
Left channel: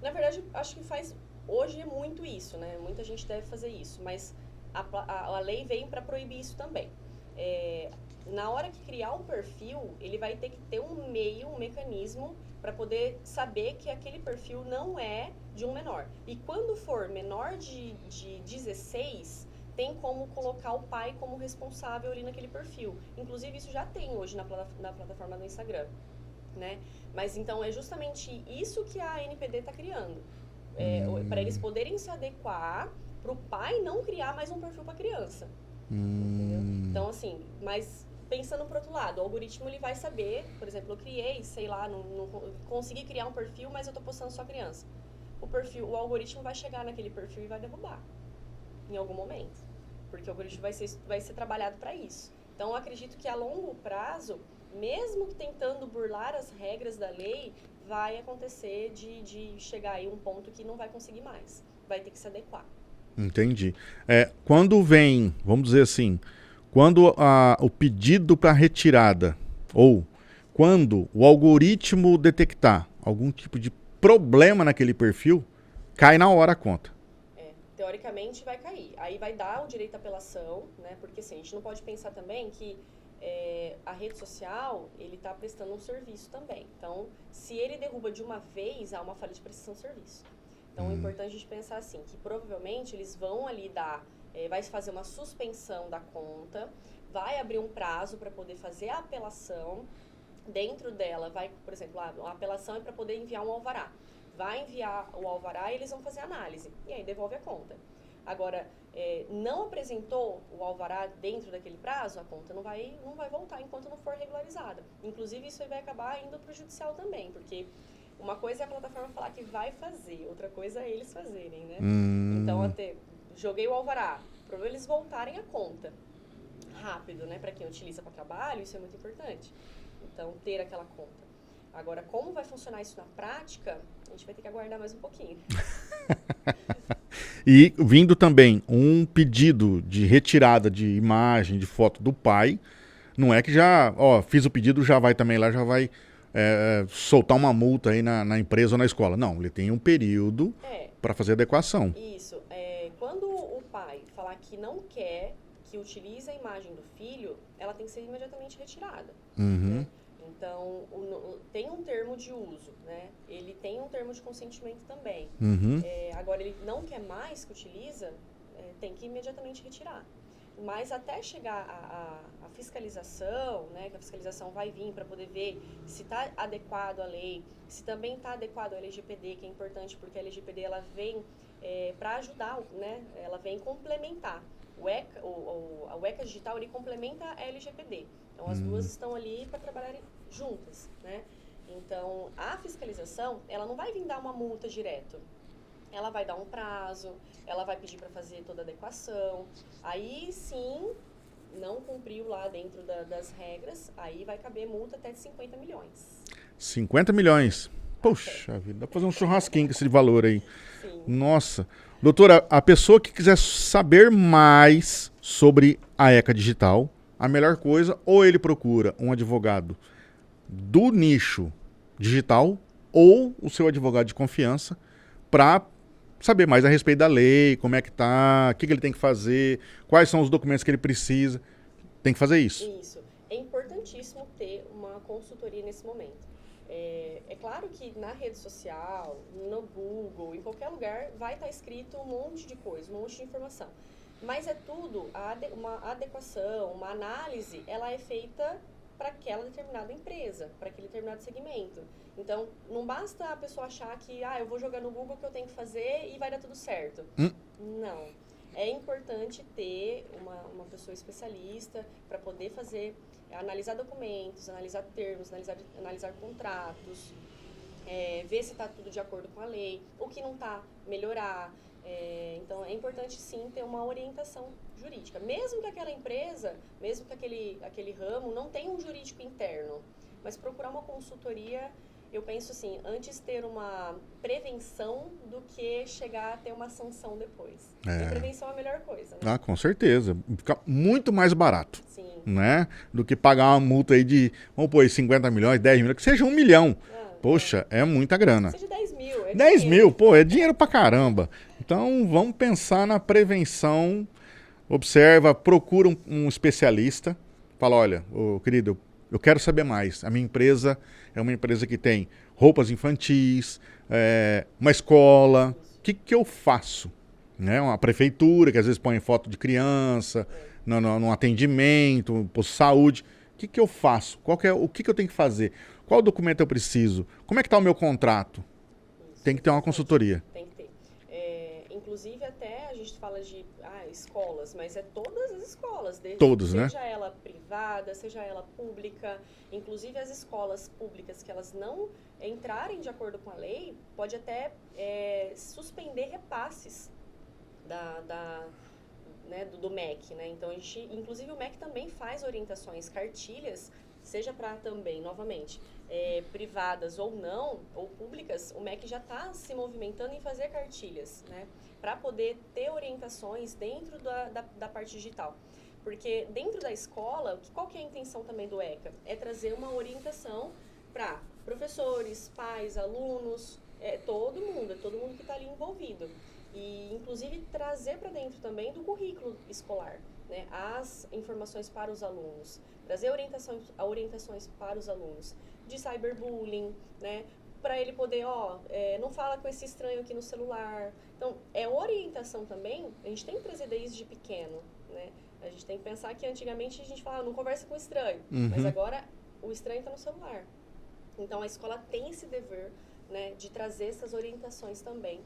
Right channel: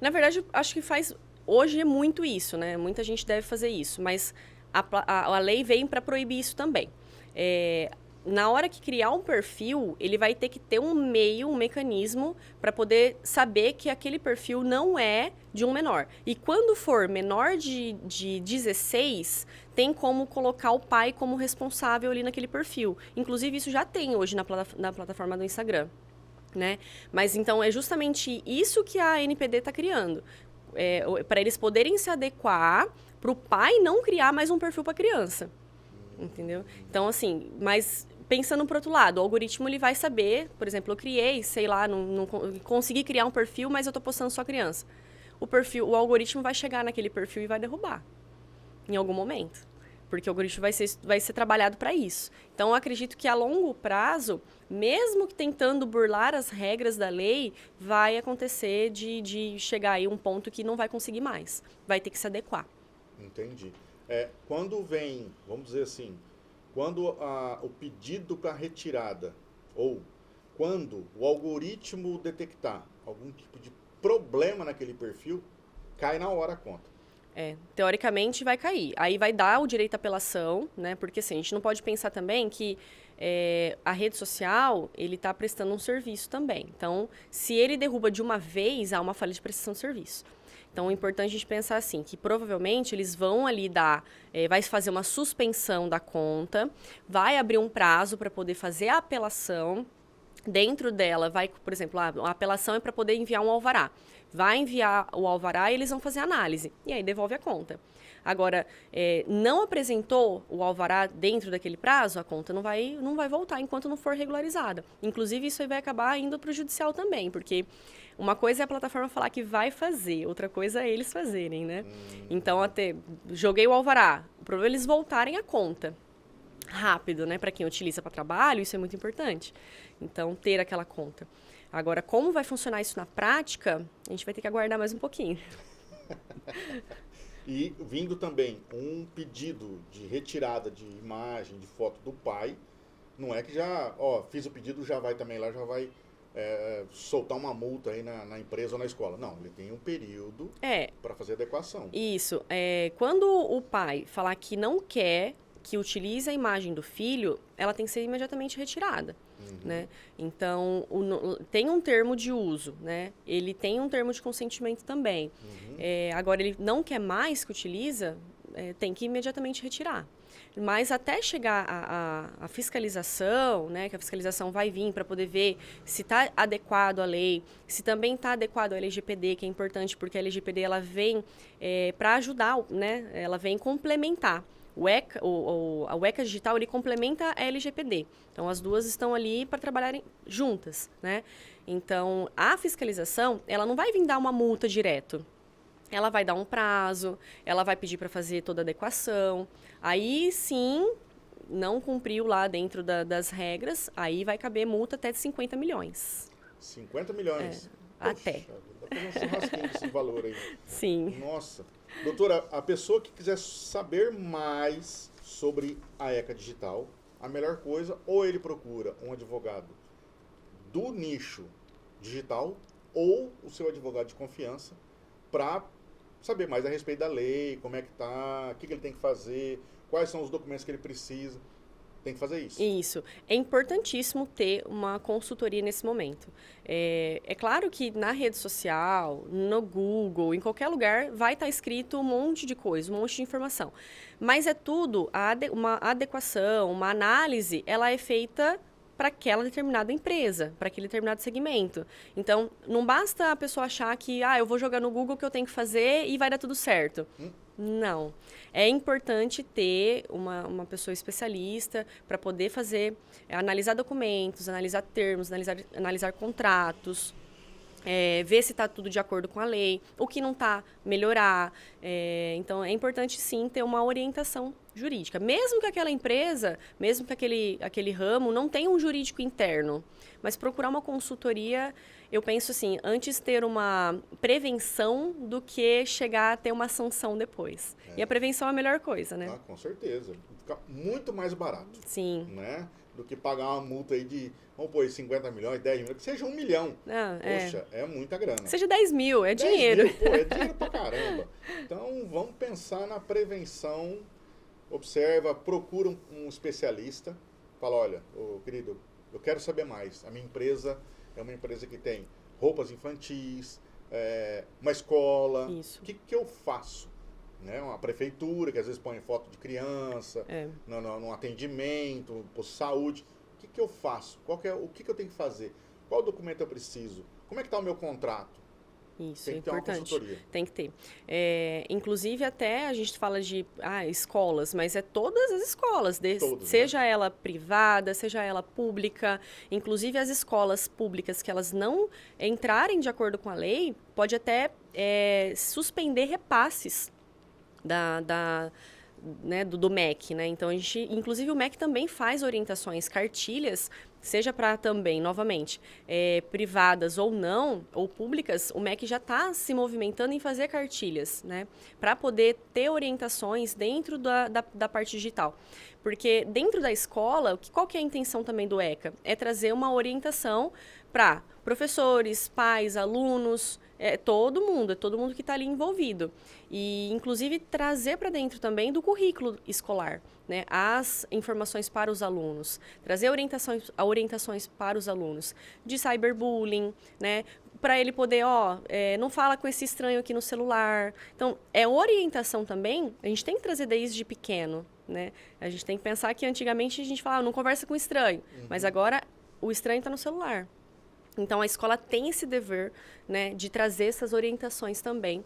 Na verdade, acho que hoje é muito isso, né? Muita gente deve fazer isso, mas a lei vem para proibir isso também. Na hora que criar um perfil, ele vai ter que ter um mecanismo para poder saber que aquele perfil não é de um menor. E quando for menor de 16, tem como colocar o pai como responsável ali naquele perfil. Inclusive, isso já tem hoje na plataforma do Instagram, né? Mas, então, é justamente isso que a ANPD está criando. Para eles poderem se adequar, para o pai não criar mais um perfil para a criança. Entendeu? Então, assim, mas pensando pro outro lado, o algoritmo ele vai saber, por exemplo, eu criei, sei lá, não consegui criar um perfil, mas eu tô postando só criança. O algoritmo vai chegar naquele perfil e vai derrubar em algum momento, porque o algoritmo vai ser trabalhado para isso. Então, eu acredito que a longo prazo, mesmo que tentando burlar as regras da lei, vai acontecer de chegar aí um ponto que não vai conseguir mais, vai ter que se adequar. Entendi. Quando vem, vamos dizer assim, quando o pedido para retirada, ou quando o algoritmo detectar algum tipo de problema naquele perfil, cai na hora a conta. Teoricamente vai cair. Aí vai dar o direito à apelação, né? Porque assim, a gente não pode pensar também que a rede social, ele está prestando um serviço também. Então, se ele derruba de uma vez, há uma falha de prestação de serviço. Então, é importante a gente pensar assim, que provavelmente eles vão ali vai fazer uma suspensão da conta, vai abrir um prazo para poder fazer a apelação. Dentro dela, por exemplo, a apelação é para poder enviar um alvará. Vai enviar o alvará e eles vão fazer a análise. E aí, devolve a conta. Agora, não apresentou o alvará dentro daquele prazo, a conta não vai voltar enquanto não for regularizada. Inclusive, isso aí vai acabar indo para o judicial também, porque... Uma coisa é a plataforma falar que vai fazer, outra coisa é eles fazerem, né? Então, joguei o alvará. O problema é eles voltarem a conta rápido, né? Para quem utiliza para trabalho, isso é muito importante. Então, ter aquela conta. Agora, como vai funcionar isso na prática, a gente vai ter que aguardar mais um pouquinho. E vindo também um pedido de retirada de imagem, de foto do pai, Não é que já, ó, fiz o pedido, já vai também lá, já vai soltar uma multa aí na empresa ou na escola. Não, ele tem um período para fazer adequação. Isso. Quando o pai falar que não quer que utilize a imagem do filho, ela tem que ser imediatamente retirada, né? Então, tem um termo de uso, né? Ele tem um termo de consentimento também. Agora, ele não quer mais que utiliza, tem que imediatamente retirar. Mas até chegar a fiscalização, né, que a fiscalização vai vir para poder ver se está adequado à lei, se também está adequado à LGPD, que é importante porque a LGPD ela vem para ajudar, né, ela vem complementar. O ECA digital ele complementa a LGPD. Então, as duas estão ali para trabalharem juntas, né? Então, a fiscalização, ela não vai vir dar uma multa direto. Ela vai dar um prazo, ela vai pedir para fazer toda a adequação. Aí, sim, não cumpriu lá dentro das regras, aí vai caber multa até de 50 milhões. 50 milhões? Poxa vida, dá para fazer um churrasquinho com esse valor aí. Sim. Nossa. Doutora, a pessoa que quiser saber mais sobre a ECA Digital, a melhor coisa, ou ele procura um advogado do nicho digital ou o seu advogado de confiança para saber mais a respeito da lei, como é que tá, o que ele tem que fazer, quais são os documentos que ele precisa. Tem que fazer isso. Isso. É importantíssimo ter uma consultoria nesse momento. É claro que na rede social, no Google, em qualquer lugar, vai estar escrito um monte de coisa, um monte de informação. Mas é tudo, uma adequação, uma análise, ela é feita para aquela determinada empresa, para aquele determinado segmento. Então, não basta a pessoa achar que, eu vou jogar no Google o que eu tenho que fazer e vai dar tudo certo. Não. É importante ter uma pessoa especialista para poder analisar documentos, analisar termos, analisar contratos, ver se está tudo de acordo com a lei, o que não está, melhorar. Então, é importante, sim, ter uma orientação jurídica. Mesmo que aquela empresa, mesmo que aquele ramo não tenha um jurídico interno, mas procurar uma consultoria, eu penso assim, antes ter uma prevenção do que chegar a ter uma sanção depois. E a prevenção é a melhor coisa, né? Com certeza. Fica muito mais barato. Sim. Né? Do que pagar uma multa aí de, vamos pôr, 50 milhões, 10 milhões, que seja 1 milhão. Poxa, é muita grana. Seja 10 mil, 10 dinheiro. mil, pô, é dinheiro pra caramba. Então, vamos pensar na prevenção. Observa, procura um especialista. Fala, olha, querido, eu quero saber mais. A minha empresa é uma empresa que tem roupas infantis, uma escola. O que eu faço? Né? Uma prefeitura que às vezes põe foto de criança, no atendimento, posto de saúde. O que eu faço? O que eu tenho que fazer? Qual documento eu preciso? Como é que está o meu contrato? Isso, tem que ter uma consultoria. Tem que ter. Inclusive, até a gente fala de escolas, mas é todas as escolas. Seja ela privada, seja ela pública. Inclusive, as escolas públicas que elas não entrarem de acordo com a lei, pode até suspender repasses do MEC, né? Então, inclusive, o MEC também faz orientações, cartilhas, seja para também, novamente, privadas ou não, ou públicas, o MEC já está se movimentando em fazer cartilhas, né? Para poder ter orientações dentro da parte digital. Porque dentro da escola, qual que é a intenção também do ECA? É trazer uma orientação para professores, pais, alunos, todo mundo que está ali envolvido. E, inclusive, trazer para dentro também do currículo escolar, né, as informações para os alunos, trazer orientações para os alunos de cyberbullying, né, para ele poder, não fala com esse estranho aqui no celular. Então, orientação também, a gente tem que trazer desde pequeno, né? A gente tem que pensar que antigamente a gente falava, não conversa com estranho, mas agora o estranho está no celular. Então, a escola tem esse dever, né, de trazer essas orientações também,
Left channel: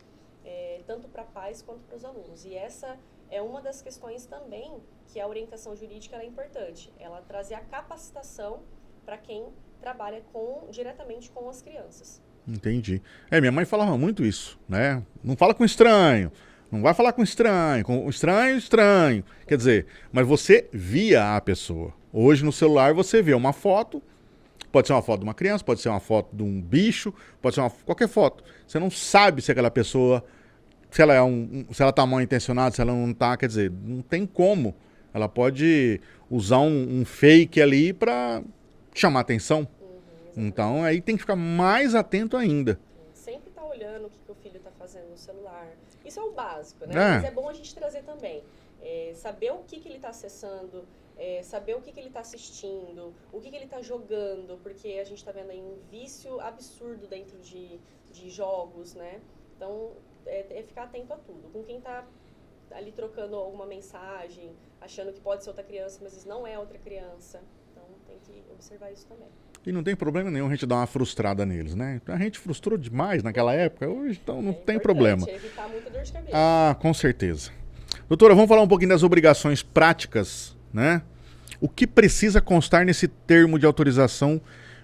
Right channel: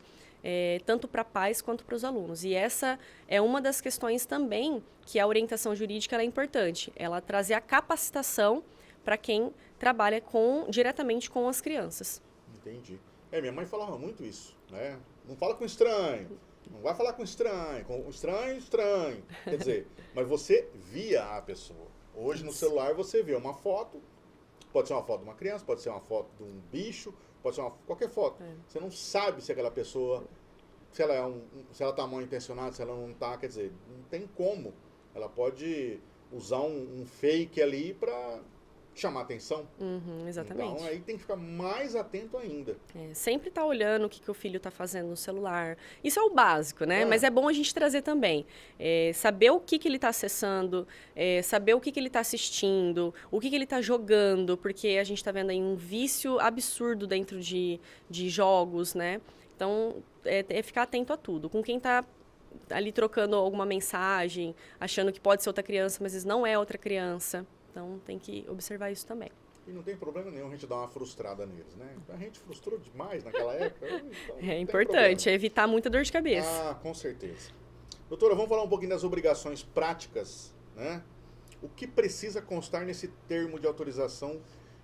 tanto para pais quanto para os alunos. E essa é uma das questões também que a orientação jurídica ela é importante. Ela trazer a capacitação para quem trabalha diretamente com as crianças. Entendi. Minha mãe falava muito isso, né? Não fala com estranho, não vai falar com estranho, estranho. Quer dizer, mas você via a pessoa. Hoje no celular você vê uma foto, pode ser uma foto de uma criança, pode ser uma foto de um bicho, pode ser qualquer foto. Você não sabe se aquela pessoa, se ela está mal intencionada, se ela não está, quer dizer, não tem como. Ela pode usar um fake ali para chamar atenção. Exatamente. Então aí tem que ficar mais atento ainda. Sempre tá olhando o que o filho tá fazendo no celular. Isso é o básico, né? É. Mas é bom a gente trazer também. Saber o que ele tá acessando, saber o que ele tá assistindo, o que ele tá jogando, porque a gente tá vendo aí um vício absurdo dentro de jogos, né? Então, é ficar atento a tudo. Com quem tá ali trocando alguma mensagem, achando que pode ser outra criança, mas às vezes não é outra criança. Então, tem que observar isso também. E não tem problema nenhum a gente dar uma frustrada neles, né? A gente frustrou demais naquela época, hoje então não tem problema. É importante evitar muita dor de cabeça. Ah, com certeza. Doutora, vamos falar um pouquinho das obrigações práticas, né? O que precisa constar nesse termo de autorização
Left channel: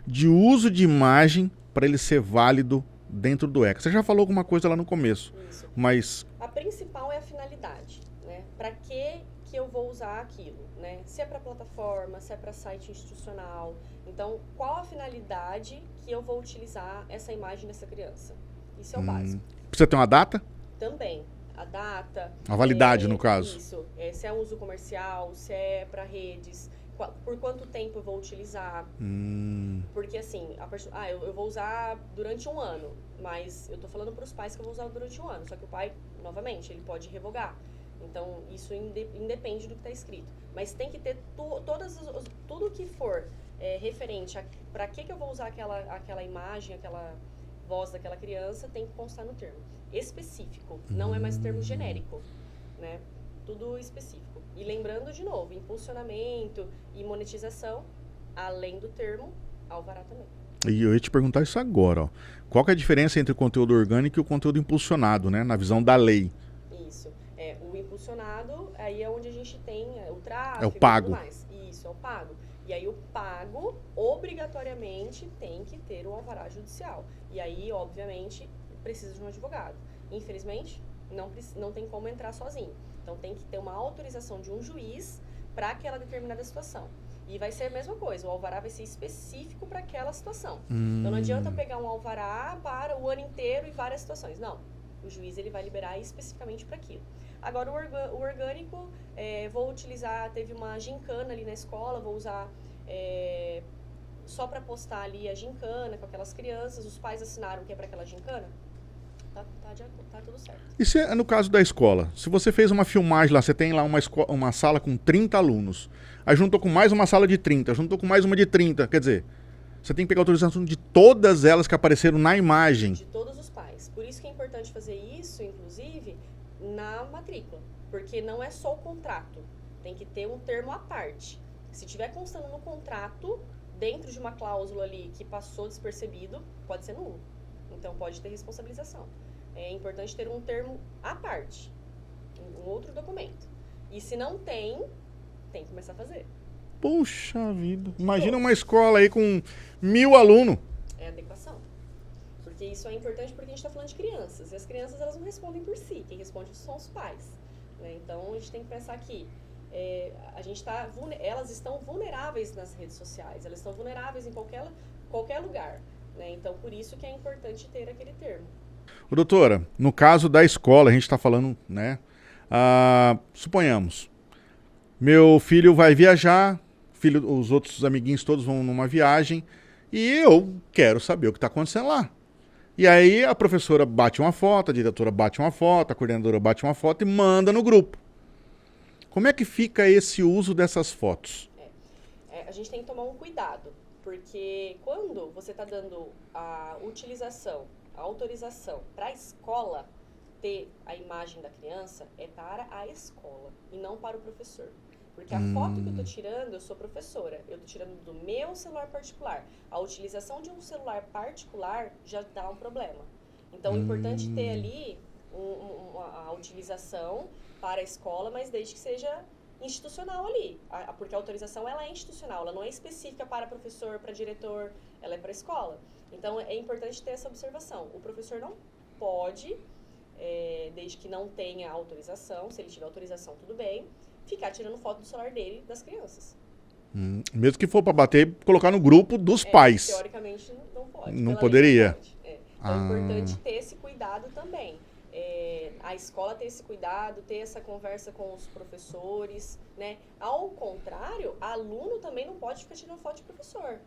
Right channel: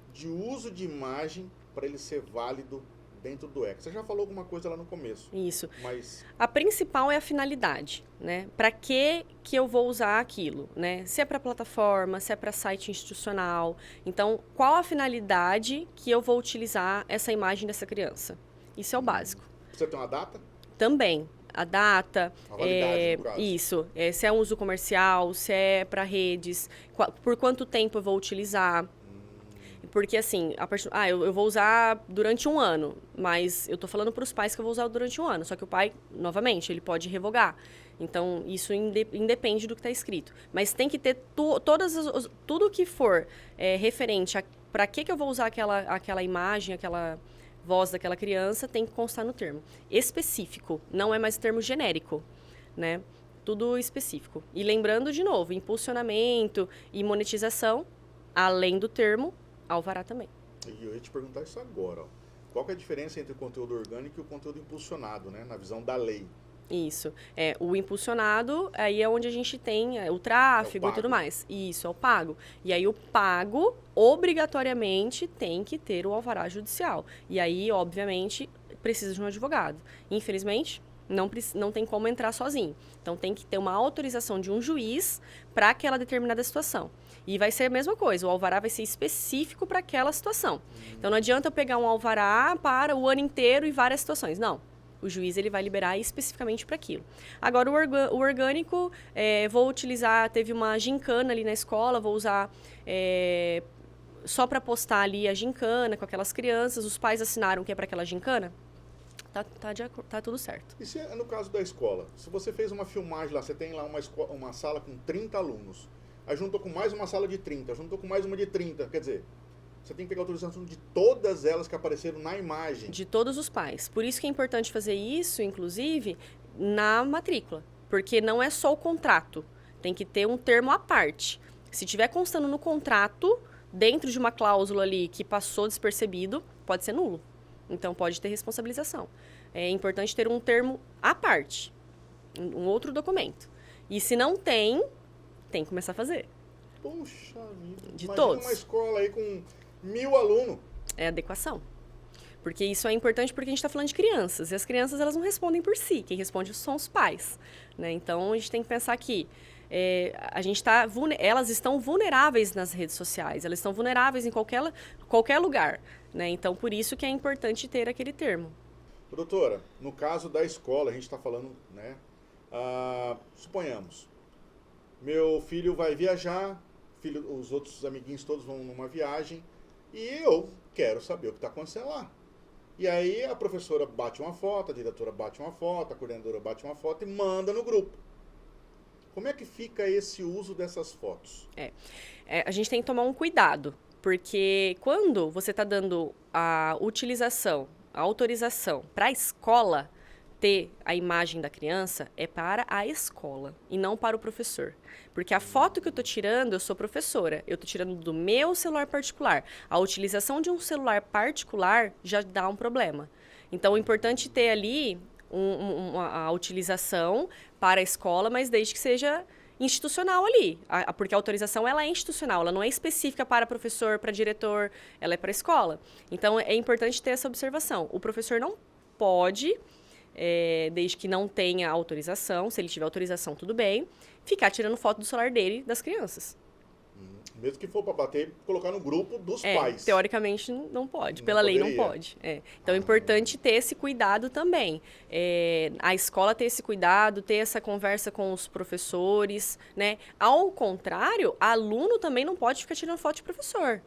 de uso de imagem para ele ser válido dentro do ECA? Você já falou alguma coisa lá no começo. Isso. Mas a principal é a finalidade, né? Para que eu vou usar aquilo, né? Se é para plataforma, se é para site institucional. Então, qual a finalidade que eu vou utilizar essa imagem dessa criança? Isso é o básico. Precisa ter uma data? Também. A data. A validade, no caso. Isso. Se é um uso comercial, se é para redes, por quanto tempo eu vou utilizar. Porque, assim, eu vou usar durante um ano, mas eu tô falando para os pais que eu vou usar durante um ano. Só que o pai, novamente, ele pode revogar. Então, isso independe do que está escrito. Mas tem que ter tudo que for referente a para que eu vou usar aquela imagem, aquela voz daquela criança, tem que constar no termo específico. Não é mais termo genérico, né? Tudo específico. E lembrando, de novo, impulsionamento e monetização, além do termo, alvará também. E eu ia te perguntar isso agora, ó. Qual que é a diferença entre o conteúdo orgânico e o conteúdo impulsionado, né? Na visão da lei. Isso. O impulsionado, aí é onde a gente tem o tráfego e tudo mais. Isso, é o pago. E aí o pago, obrigatoriamente, tem que ter o alvará judicial. E aí, obviamente, precisa de um advogado. Infelizmente, não tem como entrar sozinho. Então, tem que ter uma autorização de um juiz para aquela determinada situação. E vai ser a mesma coisa, o alvará vai ser específico para aquela situação. Então, não adianta eu pegar um alvará para o ano inteiro e várias situações. Não. O juiz ele vai liberar especificamente para aquilo. Agora, o orgânico, vou utilizar, teve uma gincana ali na escola, vou usar só para postar ali a gincana com aquelas crianças, os pais assinaram que é para aquela gincana, tá tudo certo. E se é no caso da escola? Se você fez uma filmagem lá, você tem lá uma sala com 30 alunos, aí juntou com mais uma sala de 30, juntou com mais uma de 30, quer dizer... Você tem que pegar a autorização de todas elas que apareceram na imagem. De todos os pais. Por isso que é importante fazer isso, inclusive, na matrícula. Porque não é só o contrato. Tem que ter um termo à parte. Se tiver constando no contrato, dentro de uma cláusula ali que passou despercebido, pode ser nulo. Então, pode ter responsabilização. É importante ter um termo à parte. Um outro documento. E se não tem que começar a fazer. Puxa vida. De Imagina todos. uma escola aí com 1000 alunos. É adequação. Porque isso é importante porque a gente está falando de crianças. E as crianças, elas não respondem por si. Quem responde são os pais. Né? Então, a gente tem que pensar que elas estão vulneráveis nas redes sociais. Elas estão vulneráveis em qualquer lugar. Né? Então, por isso que é importante ter aquele termo. Ô, doutora, no caso da escola, a gente está falando, né? Suponhamos, meu filho vai viajar, os outros amiguinhos todos vão numa viagem e eu quero saber o que está acontecendo lá. E aí a professora bate uma foto, a diretora bate uma foto, a coordenadora bate uma foto e manda no grupo. Como é que fica esse uso dessas fotos? A gente tem que tomar um cuidado, porque quando você está dando a autorização para a escola ter a imagem da criança, é para a escola e não para o professor. Porque a foto que eu estou tirando, eu sou professora. Eu estou tirando do meu celular particular. A utilização de um celular particular já dá um problema. Então, é importante ter ali a utilização para a escola, mas desde que seja institucional ali. Porque a autorização ela é institucional, ela não é específica para professor, para diretor, ela é para a escola. Então, é importante ter essa observação. O professor não pode... desde que não tenha autorização, se ele tiver autorização, tudo bem, ficar tirando foto do celular dele das crianças. Mesmo que for para bater, colocar no grupo dos pais. Teoricamente não pode, Não pela poderia. lei não pode. Então é importante ter esse cuidado também. A escola ter esse cuidado, ter essa conversa com os professores, né? Ao contrário, aluno também não pode ficar tirando foto de professor.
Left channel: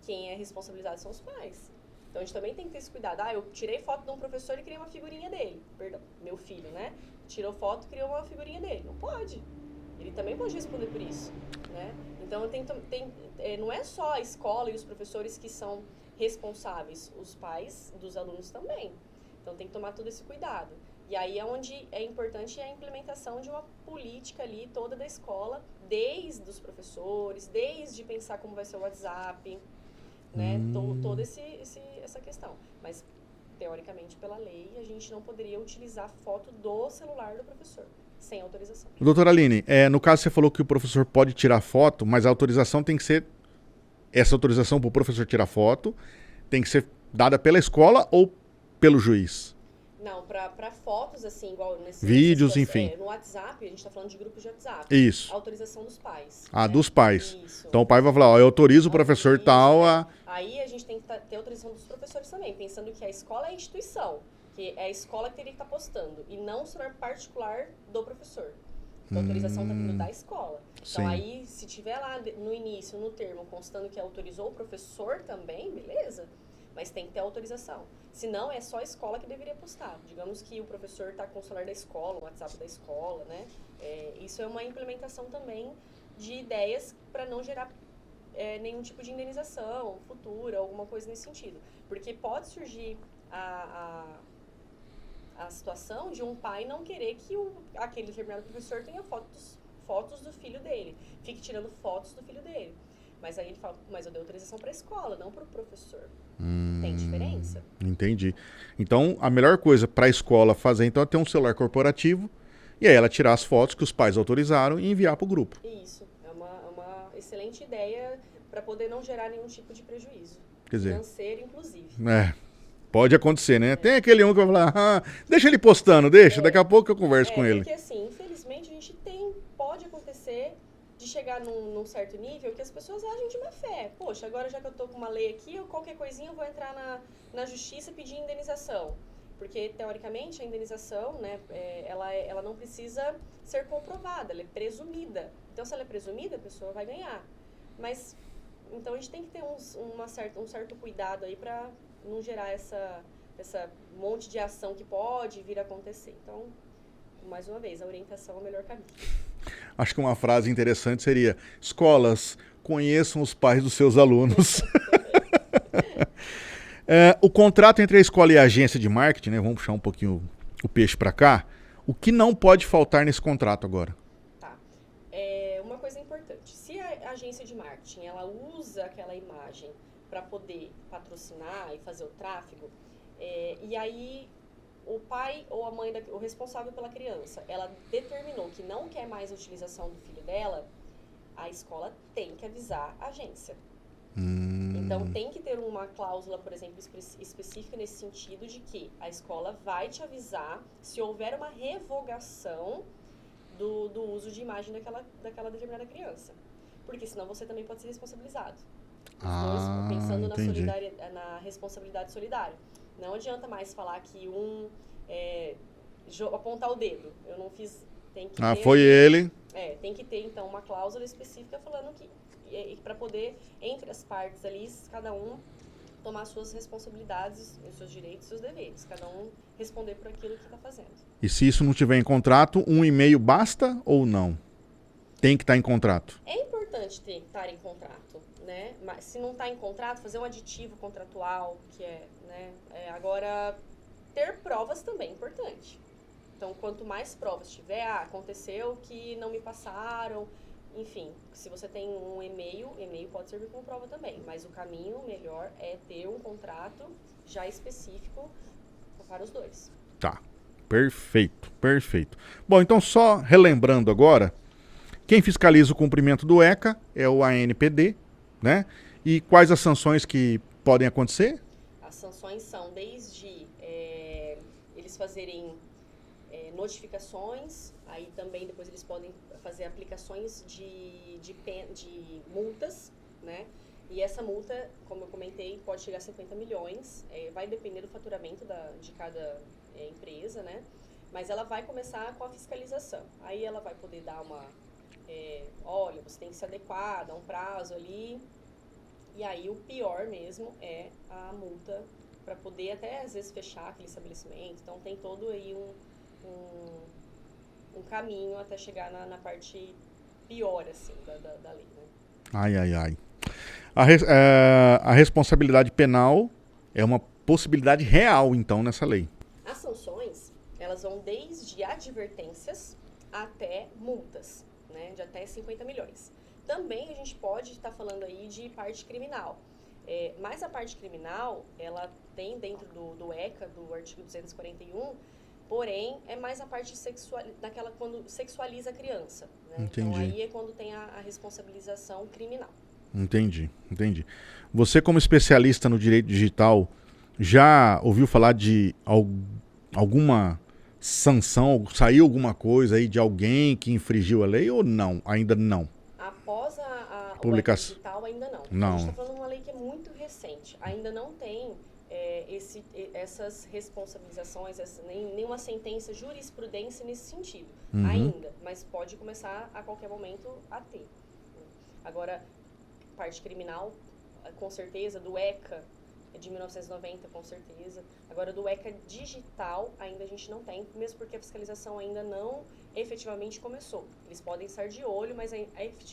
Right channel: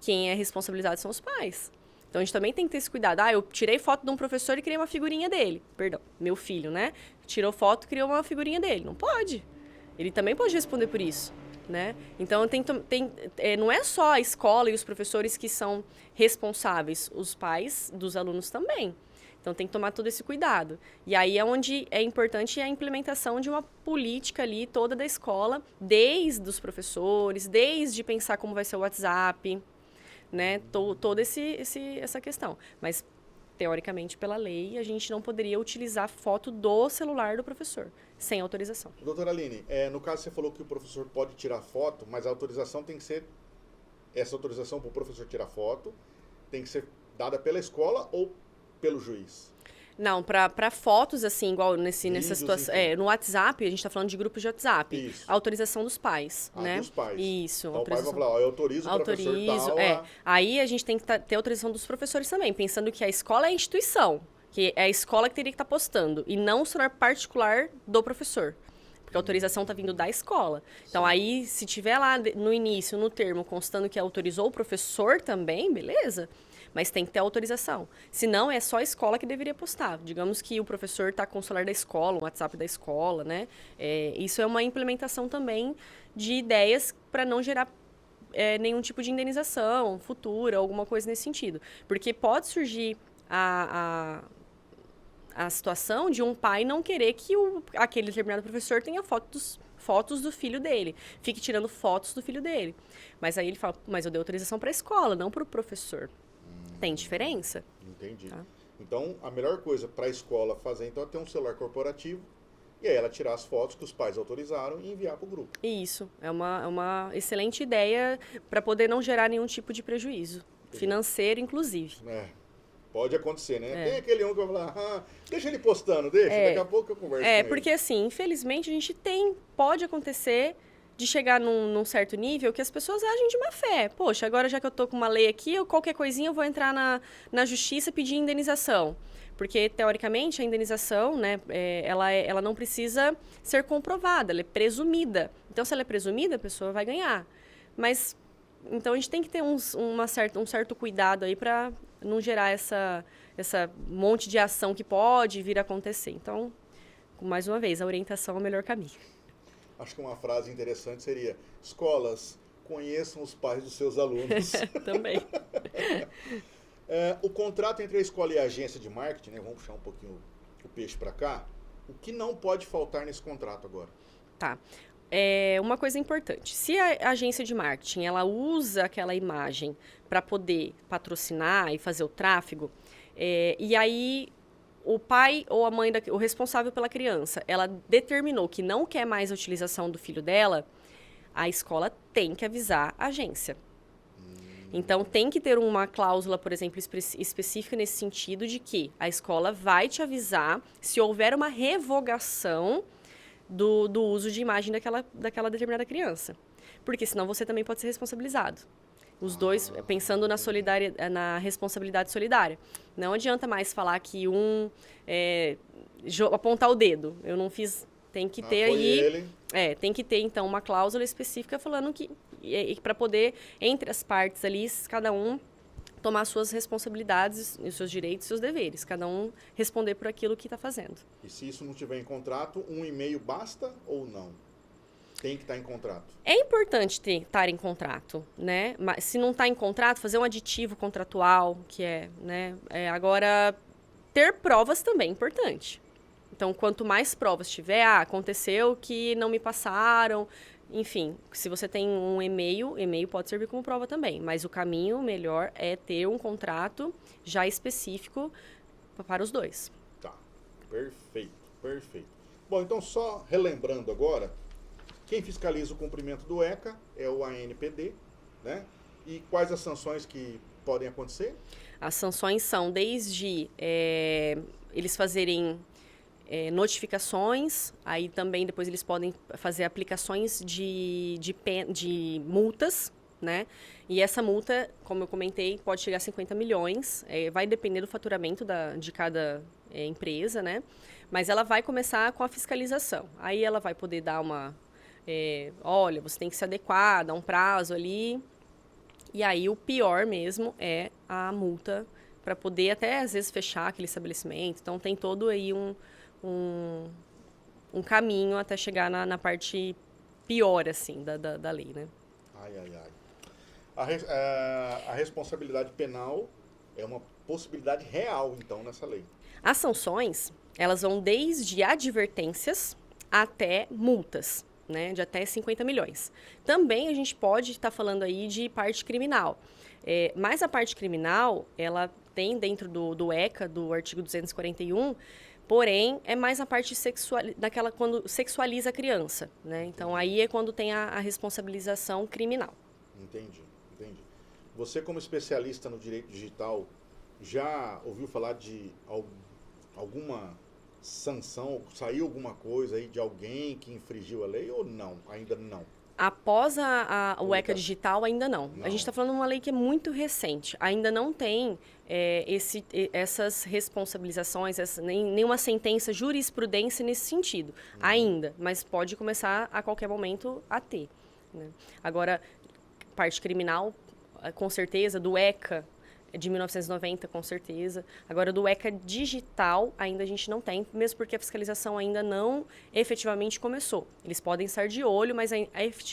Quem é responsabilizado são os pais. Então a gente também tem que ter esse cuidado. Eu tirei foto de um professor e criei uma figurinha dele. Perdão, meu filho, né? Tirou foto e criou uma figurinha dele. Não pode. Ele também pode responder por isso, né? Então, não é só a escola e os professores que são responsáveis, os pais dos alunos também. Então, tem que tomar todo esse cuidado. E aí é onde é importante a implementação de uma política ali toda da escola, desde os professores, desde pensar como vai ser o WhatsApp, né? Toda essa questão. Mas, teoricamente, pela lei, a gente não poderia utilizar foto do celular do professor. Sem autorização. Doutora Aline, no caso você falou que o professor pode tirar foto, mas a autorização tem que ser... Essa autorização para o professor tirar foto tem que ser dada pela escola ou pelo juiz? Não, para fotos, assim, igual Vídeos, enfim. no WhatsApp, a gente está falando de grupos de WhatsApp. Isso. A autorização dos pais. Ah, né? dos pais. Isso. Então o pai vai falar, eu autorizo o professor tal a... Aí a gente tem que ter autorização dos professores também, pensando que a escola é a instituição. Que é a escola que teria que estar postando, e não o celular particular do professor. Porque a autorização está vindo da escola. Então, aí, se tiver lá no início, no termo, constando que autorizou o professor também, beleza. Mas tem que ter autorização. Senão, é só a escola que deveria postar. Digamos que o professor está com o celular da escola, o WhatsApp da escola, né? Isso é uma implementação também de ideias para não gerar nenhum tipo de indenização futura, alguma coisa nesse sentido. Porque pode surgir a situação de um pai não querer que aquele determinado professor tenha fotos do filho dele. Fique tirando fotos do filho dele. Mas aí ele fala, mas eu dei autorização para a escola, não para o professor. Tem diferença? Entendi. Então, a melhor coisa para a escola fazer, então, é ter um celular corporativo e aí ela tirar as fotos que os pais autorizaram e enviar para o grupo. Isso. É uma excelente ideia para poder não gerar nenhum tipo de prejuízo. Financeiro, inclusive. Pode acontecer, né? Tem aquele um que vai falar, deixa ele postando, daqui a pouco eu converso com ele. Porque assim, infelizmente, a gente pode acontecer de chegar num certo nível que as pessoas agem de má fé. Poxa, agora já que eu tô com uma lei aqui, qualquer coisinha eu vou entrar na justiça e pedir indenização. Porque, teoricamente, a indenização, né, ela não precisa ser comprovada, ela é presumida. Então, se ela é presumida, a pessoa vai ganhar. Mas, então, a gente tem que ter um certo cuidado aí para não gerar essa monte de ação que pode vir a acontecer. Então, mais uma vez, a orientação é o melhor caminho. Acho que uma frase interessante seria: escolas, conheçam os pais dos seus alunos. Também. O contrato entre a escola e a agência de marketing, né? Vamos puxar um pouquinho o peixe para cá. O que não pode faltar nesse contrato agora? Tá. Uma coisa importante. Se a agência de marketing ela usa aquela imagem para poder patrocinar e fazer o tráfego, e aí o pai ou a mãe, o responsável pela criança, ela determinou que não quer mais a utilização do filho dela, a escola tem que avisar a agência. Então, tem que ter uma cláusula, por exemplo, específica nesse sentido de que a escola vai te avisar se houver uma revogação do uso de imagem daquela determinada criança. Porque senão você também pode ser responsabilizado. Os dois, pensando na responsabilidade solidária. Não adianta mais falar que apontar o dedo. Eu não fiz... Tem que ter foi ele. Tem que ter, então, uma cláusula específica falando que... para poder, entre as partes ali, cada um tomar suas responsabilidades, os seus direitos e seus deveres. Cada um responder por aquilo que está fazendo. E se isso não tiver em contrato, um e-mail basta ou não? Tem que estar em contrato? É importante estar em contrato, né? Mas se não está em contrato, fazer um aditivo contratual, que né? Agora, ter provas também é importante. Então, quanto mais provas tiver, aconteceu que não me passaram, enfim, se você tem um e-mail pode servir como prova também, mas o caminho melhor é ter um contrato já específico para os dois. Tá, perfeito, perfeito. Bom, então só relembrando agora, quem fiscaliza o cumprimento do ECA é o ANPD, né? E quais as sanções que podem acontecer? As sanções são desde eles fazerem notificações, aí também depois eles podem fazer aplicações de multas, né? E essa multa, como eu comentei, pode chegar a 50 milhões, vai depender do faturamento de cada empresa, né? Mas ela vai começar com a fiscalização. Aí ela vai poder dar olha, você tem que se adequar, dar um prazo ali. E aí o pior mesmo é a multa para poder até, às vezes, fechar aquele estabelecimento. Então, tem todo aí um caminho até chegar na parte pior, assim, da lei, né? Ai, ai, ai. A responsabilidade penal é uma possibilidade real, então, nessa lei. As sanções, elas vão desde advertências até multas, né? De até 50 milhões. Também a gente pode estar falando aí de parte criminal. Mas a parte criminal, ela tem dentro do ECA, do artigo 241, porém, é mais a parte daquela quando sexualiza a criança, né? Entendi. Então, aí é quando tem a responsabilização criminal. Entendi. Você, como especialista no direito digital, já ouviu falar de alguma sanção, saiu alguma coisa aí de alguém que infringiu a lei ou não? Ainda não? Após o ECA digital, ainda não. A gente está falando de uma lei que é muito recente. Ainda não tem essas responsabilizações, nenhuma sentença, jurisprudência nesse sentido. Ainda, mas pode começar a qualquer momento a ter, né? Agora, parte criminal, com certeza, do ECA de 1990, com certeza. Agora, do ECA digital, ainda a gente não tem, mesmo porque a fiscalização ainda não efetivamente começou. Eles podem estar de olho, mas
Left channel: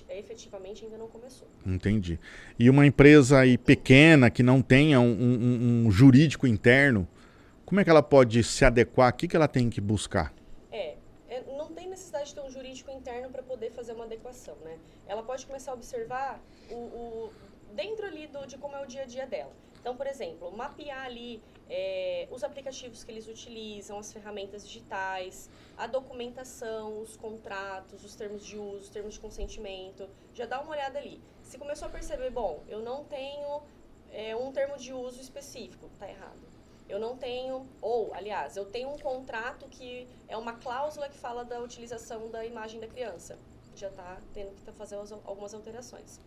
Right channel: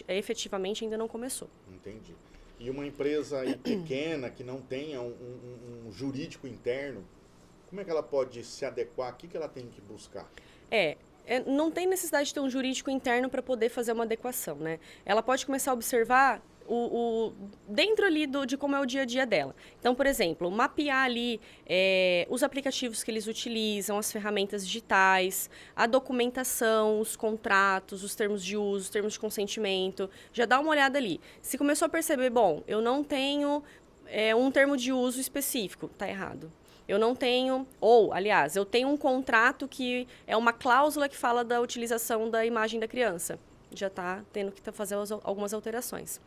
efetivamente ainda não começou. Entendi. E uma empresa aí pequena, que não tenha um jurídico interno, como é que ela pode se adequar? O que ela tem que buscar? Não tem necessidade de ter um jurídico interno para poder fazer uma adequação, né? Ela pode começar a observar dentro ali de como é o dia a dia dela. Então, por exemplo, mapear ali os aplicativos que eles utilizam, as ferramentas digitais, a documentação, os contratos, os termos de uso, os termos de consentimento. Já dá uma olhada ali. Se começou a perceber, bom, eu não tenho um termo de uso específico, tá errado. Eu não tenho, aliás, eu tenho um contrato que é uma cláusula que fala da utilização da imagem da criança. Já está tendo que fazer algumas alterações.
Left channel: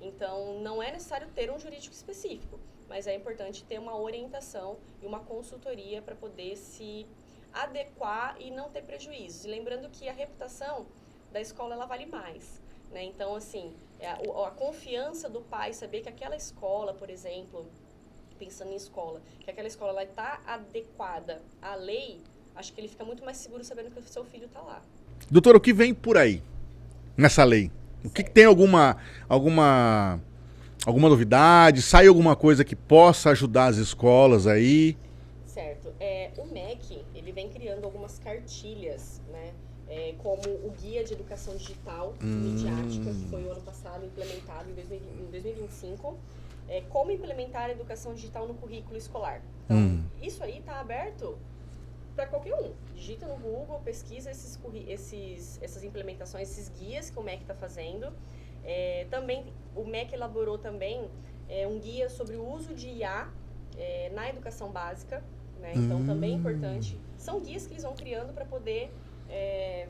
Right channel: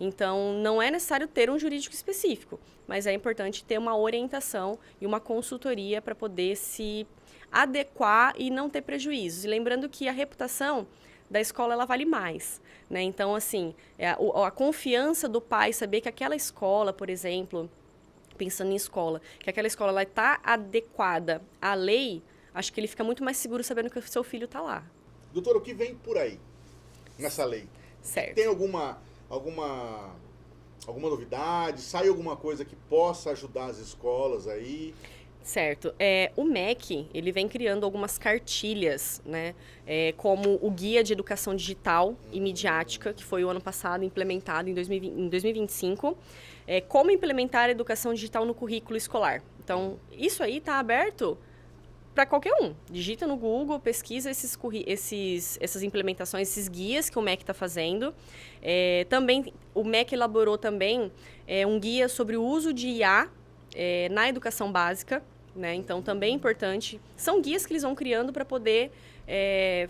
Então, não é necessário ter um jurídico específico, mas é importante ter uma orientação e uma consultoria para poder se adequar e não ter prejuízos. E lembrando que a reputação da escola, ela vale mais, né? Então, assim, a confiança do pai, saber que aquela escola, por exemplo, pensando em escola, que aquela escola está adequada à lei, acho que ele fica muito mais seguro sabendo que o seu filho está lá. Doutora, o que vem por aí nessa lei? Certo. Tem alguma novidade? Sai alguma coisa que possa ajudar as escolas aí? Certo. O MEC, ele vem criando algumas cartilhas, né? Como o Guia de Educação Digital e Midiática, que foi o ano passado implementado em 2025. Como implementar a educação digital no currículo escolar. Então, isso aí está aberto para qualquer um. Digita no Google, pesquisa essas implementações, esses guias que o MEC está fazendo. Também, o MEC elaborou também um guia sobre o uso de IA na educação básica, né? Então, também é importante. São guias que eles vão criando para poder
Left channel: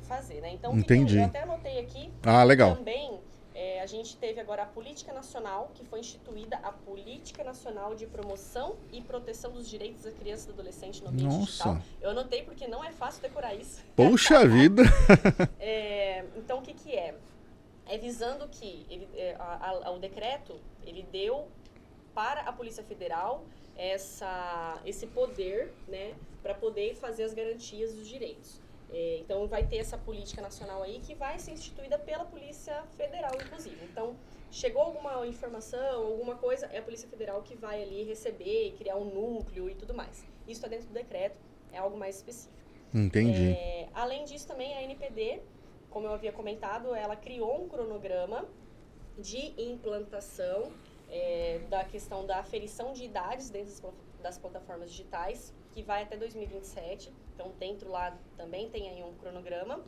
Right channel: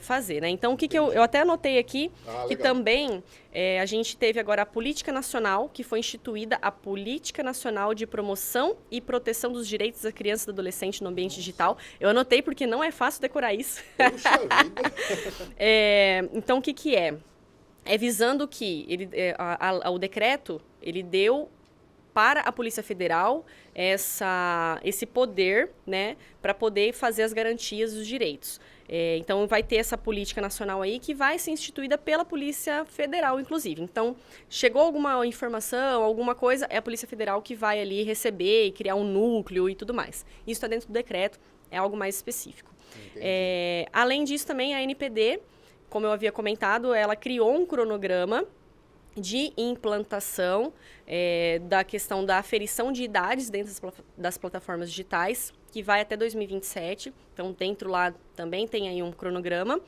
fazer, né? Então, o que eu até anotei aqui. Legal. Também, a gente teve agora a Política Nacional, que foi instituída a Política Nacional de Promoção e Proteção dos Direitos da Criança e do Adolescente no Ambiente Digital. Eu anotei porque não é fácil decorar isso. Puxa vida! Então, o que é? Visando que o decreto, ele deu para a Polícia Federal esse poder, né, para poder fazer as garantias dos direitos. Então, vai ter essa política nacional aí que vai ser instituída pela Polícia Federal, inclusive. Então, chegou alguma informação, alguma coisa, é a Polícia Federal que vai ali receber e criar um núcleo e tudo mais. Isso está dentro do decreto, é algo mais específico. Entendi. Além disso, também a NPD, como eu havia comentado, ela criou um cronograma de implantação da questão da aferição de idades dentro das plataformas digitais, que vai até 2027. Então, dentro lá também tem aí um cronograma.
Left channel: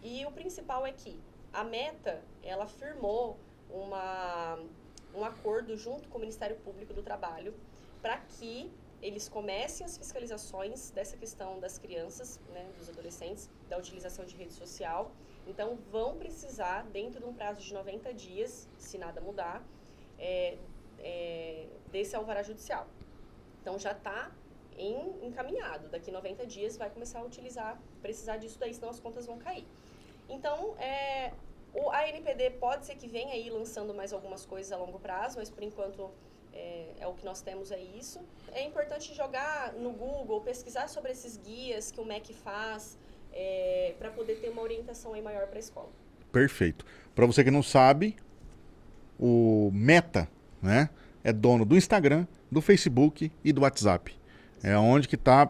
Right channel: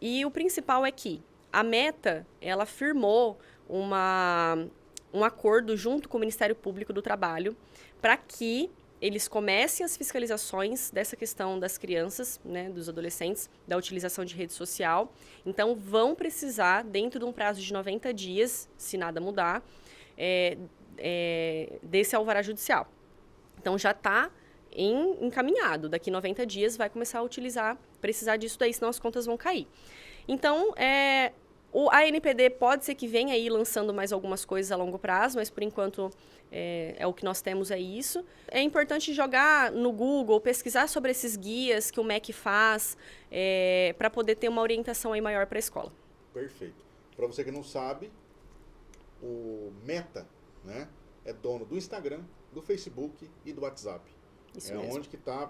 E o principal é que a Meta, ela firmou um acordo junto com o Ministério Público do Trabalho para que eles comecem as fiscalizações dessa questão das crianças, né, dos adolescentes, da utilização de rede social. Então, vão precisar, dentro de um prazo de 90 dias, se nada mudar, desse alvará judicial. Então, já está encaminhado. Daqui 90 dias vai começar a precisar disso daí, senão as contas vão cair. Então, a ANPD pode ser que venha aí lançando mais algumas coisas a longo prazo, mas por enquanto é o que nós temos, é isso. É importante jogar no Google, pesquisar sobre esses guias que o MEC faz, para poder ter uma orientação aí maior para a escola. Perfeito. Para você que não sabe, o Meta, né, é dono do Instagram, do Facebook e do WhatsApp. Isso é mesmo. Onde que está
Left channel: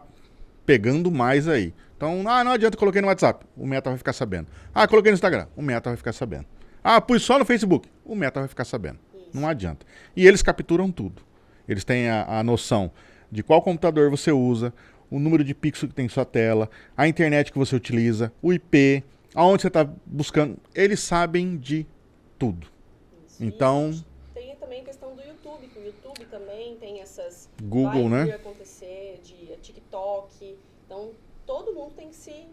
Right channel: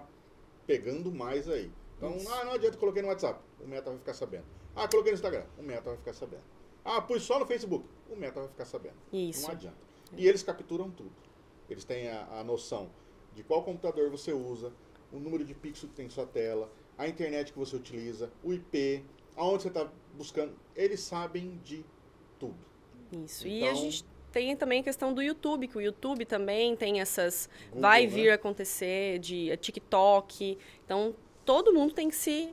pegando mais aí. Então, não adianta, coloquei no WhatsApp, o Meta vai ficar sabendo. Coloquei no Instagram, o Meta vai ficar sabendo. Pus só no Facebook, o Meta vai ficar sabendo. Isso. Não adianta. E eles capturam tudo. Eles têm a noção de qual computador você usa, o número de pixels que tem em sua tela, a internet que você utiliza, o IP, aonde você está buscando. Eles sabem de tudo. Isso. Então, e a gente tem também a questão do YouTube, que o YouTube também tem essas... Google, vai vir né? a acontecer, de TikTok. Então, todo mundo tem que se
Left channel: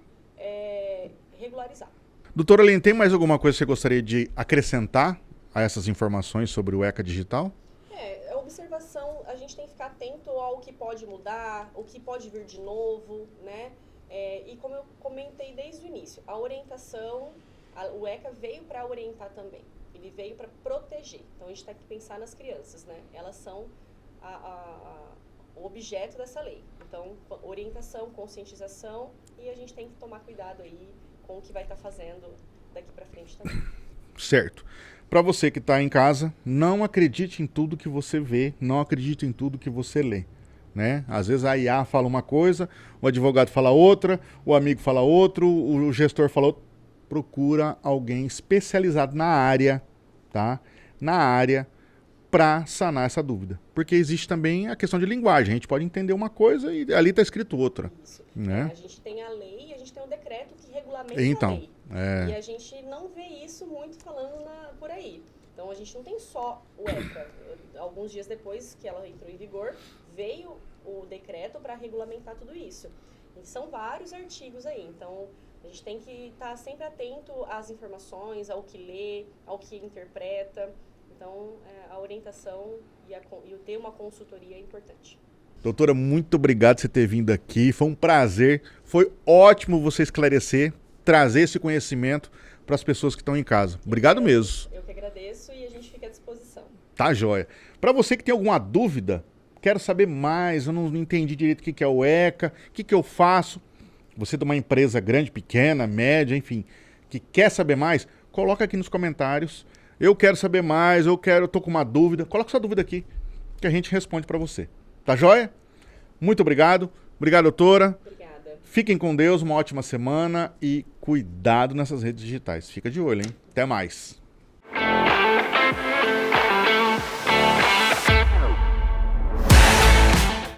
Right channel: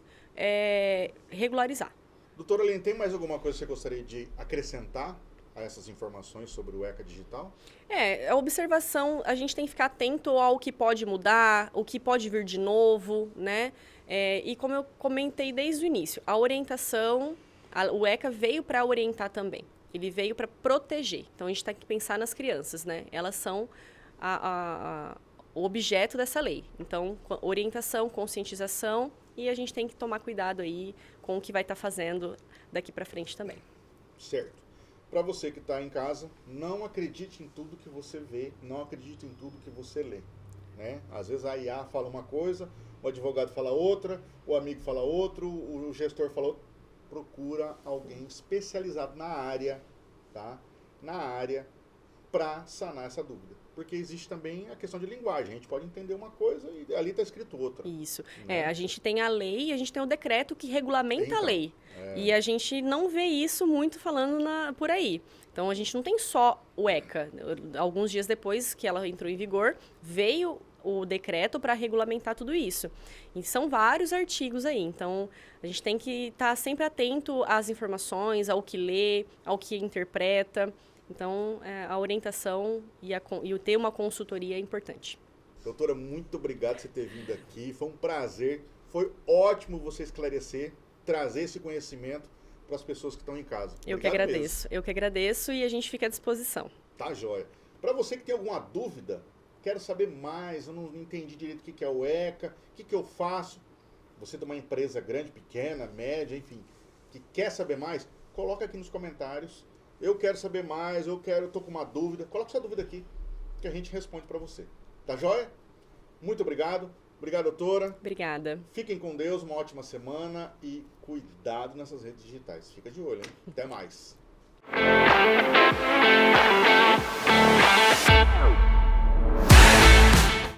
regularizar. Doutora Aline, tem mais alguma coisa que você gostaria de acrescentar a essas informações sobre o ECA Digital? A observação, a gente tem que ficar atento ao que pode mudar, o que pode vir de novo, né? E como eu comentei desde o início, a orientação, o ECA veio para orientar também. Ele veio para proteger. Então, a gente tem que pensar nas crianças, né? Elas são o objeto dessa lei. Então, orientação, conscientização, e a gente tem que tomar cuidado aí com o que vai estar fazendo daqui para frente também. Certo. Para você que está em casa, não acredite em tudo que você vê, não acredite em tudo que você lê. Né? Às vezes a IA fala uma coisa, o advogado fala outra, o amigo fala outro, o gestor fala outro. Procura alguém especializado na área, tá? Na área, para sanar essa dúvida. Porque existe também a questão de linguagem. A gente pode entender uma coisa e ali está escrito outra. Isso. Né? A gente tem a lei e a gente tem o decreto que regulamenta a lei. E a gente não vê isso muito falando por aí. Então, a gente não tem só o ECA. Alguns dias depois que ela entrou em vigor, veio o decreto para regulamentar tudo isso. E são vários artigos aí. Então, a gente tem que estar sempre atento às informações, ao que lê, ao que interpreta. Então, a orientação e o ter uma consultoria é importante. Doutora, muito obrigado por você ter vindo aqui. Foi um prazer. Foi ótimo você esclarecer, trazer esse conhecimento para as pessoas que estão em casa. Obrigado mesmo. Eu que agradeço e a gente fica à disposição. Tá joia. Para você que tem alguma dúvida, quero saber mais, eu não entendi direito o que é o ECA, o que eu faço. Você de uma empresa grande, pequena, média, enfim, que quer saber mais, coloca aqui nos comentários. Eu quero saber mais, eu tô com uma dúvida. Coloca sua dúvida aqui, que a gente responde para você. Tá joia? Muito obrigado. Obrigado, doutora. Obrigada. Fiquem com Deus, uma ótima semana e cuidado nessas redes digitais. Fica de olho, hein? Até mais.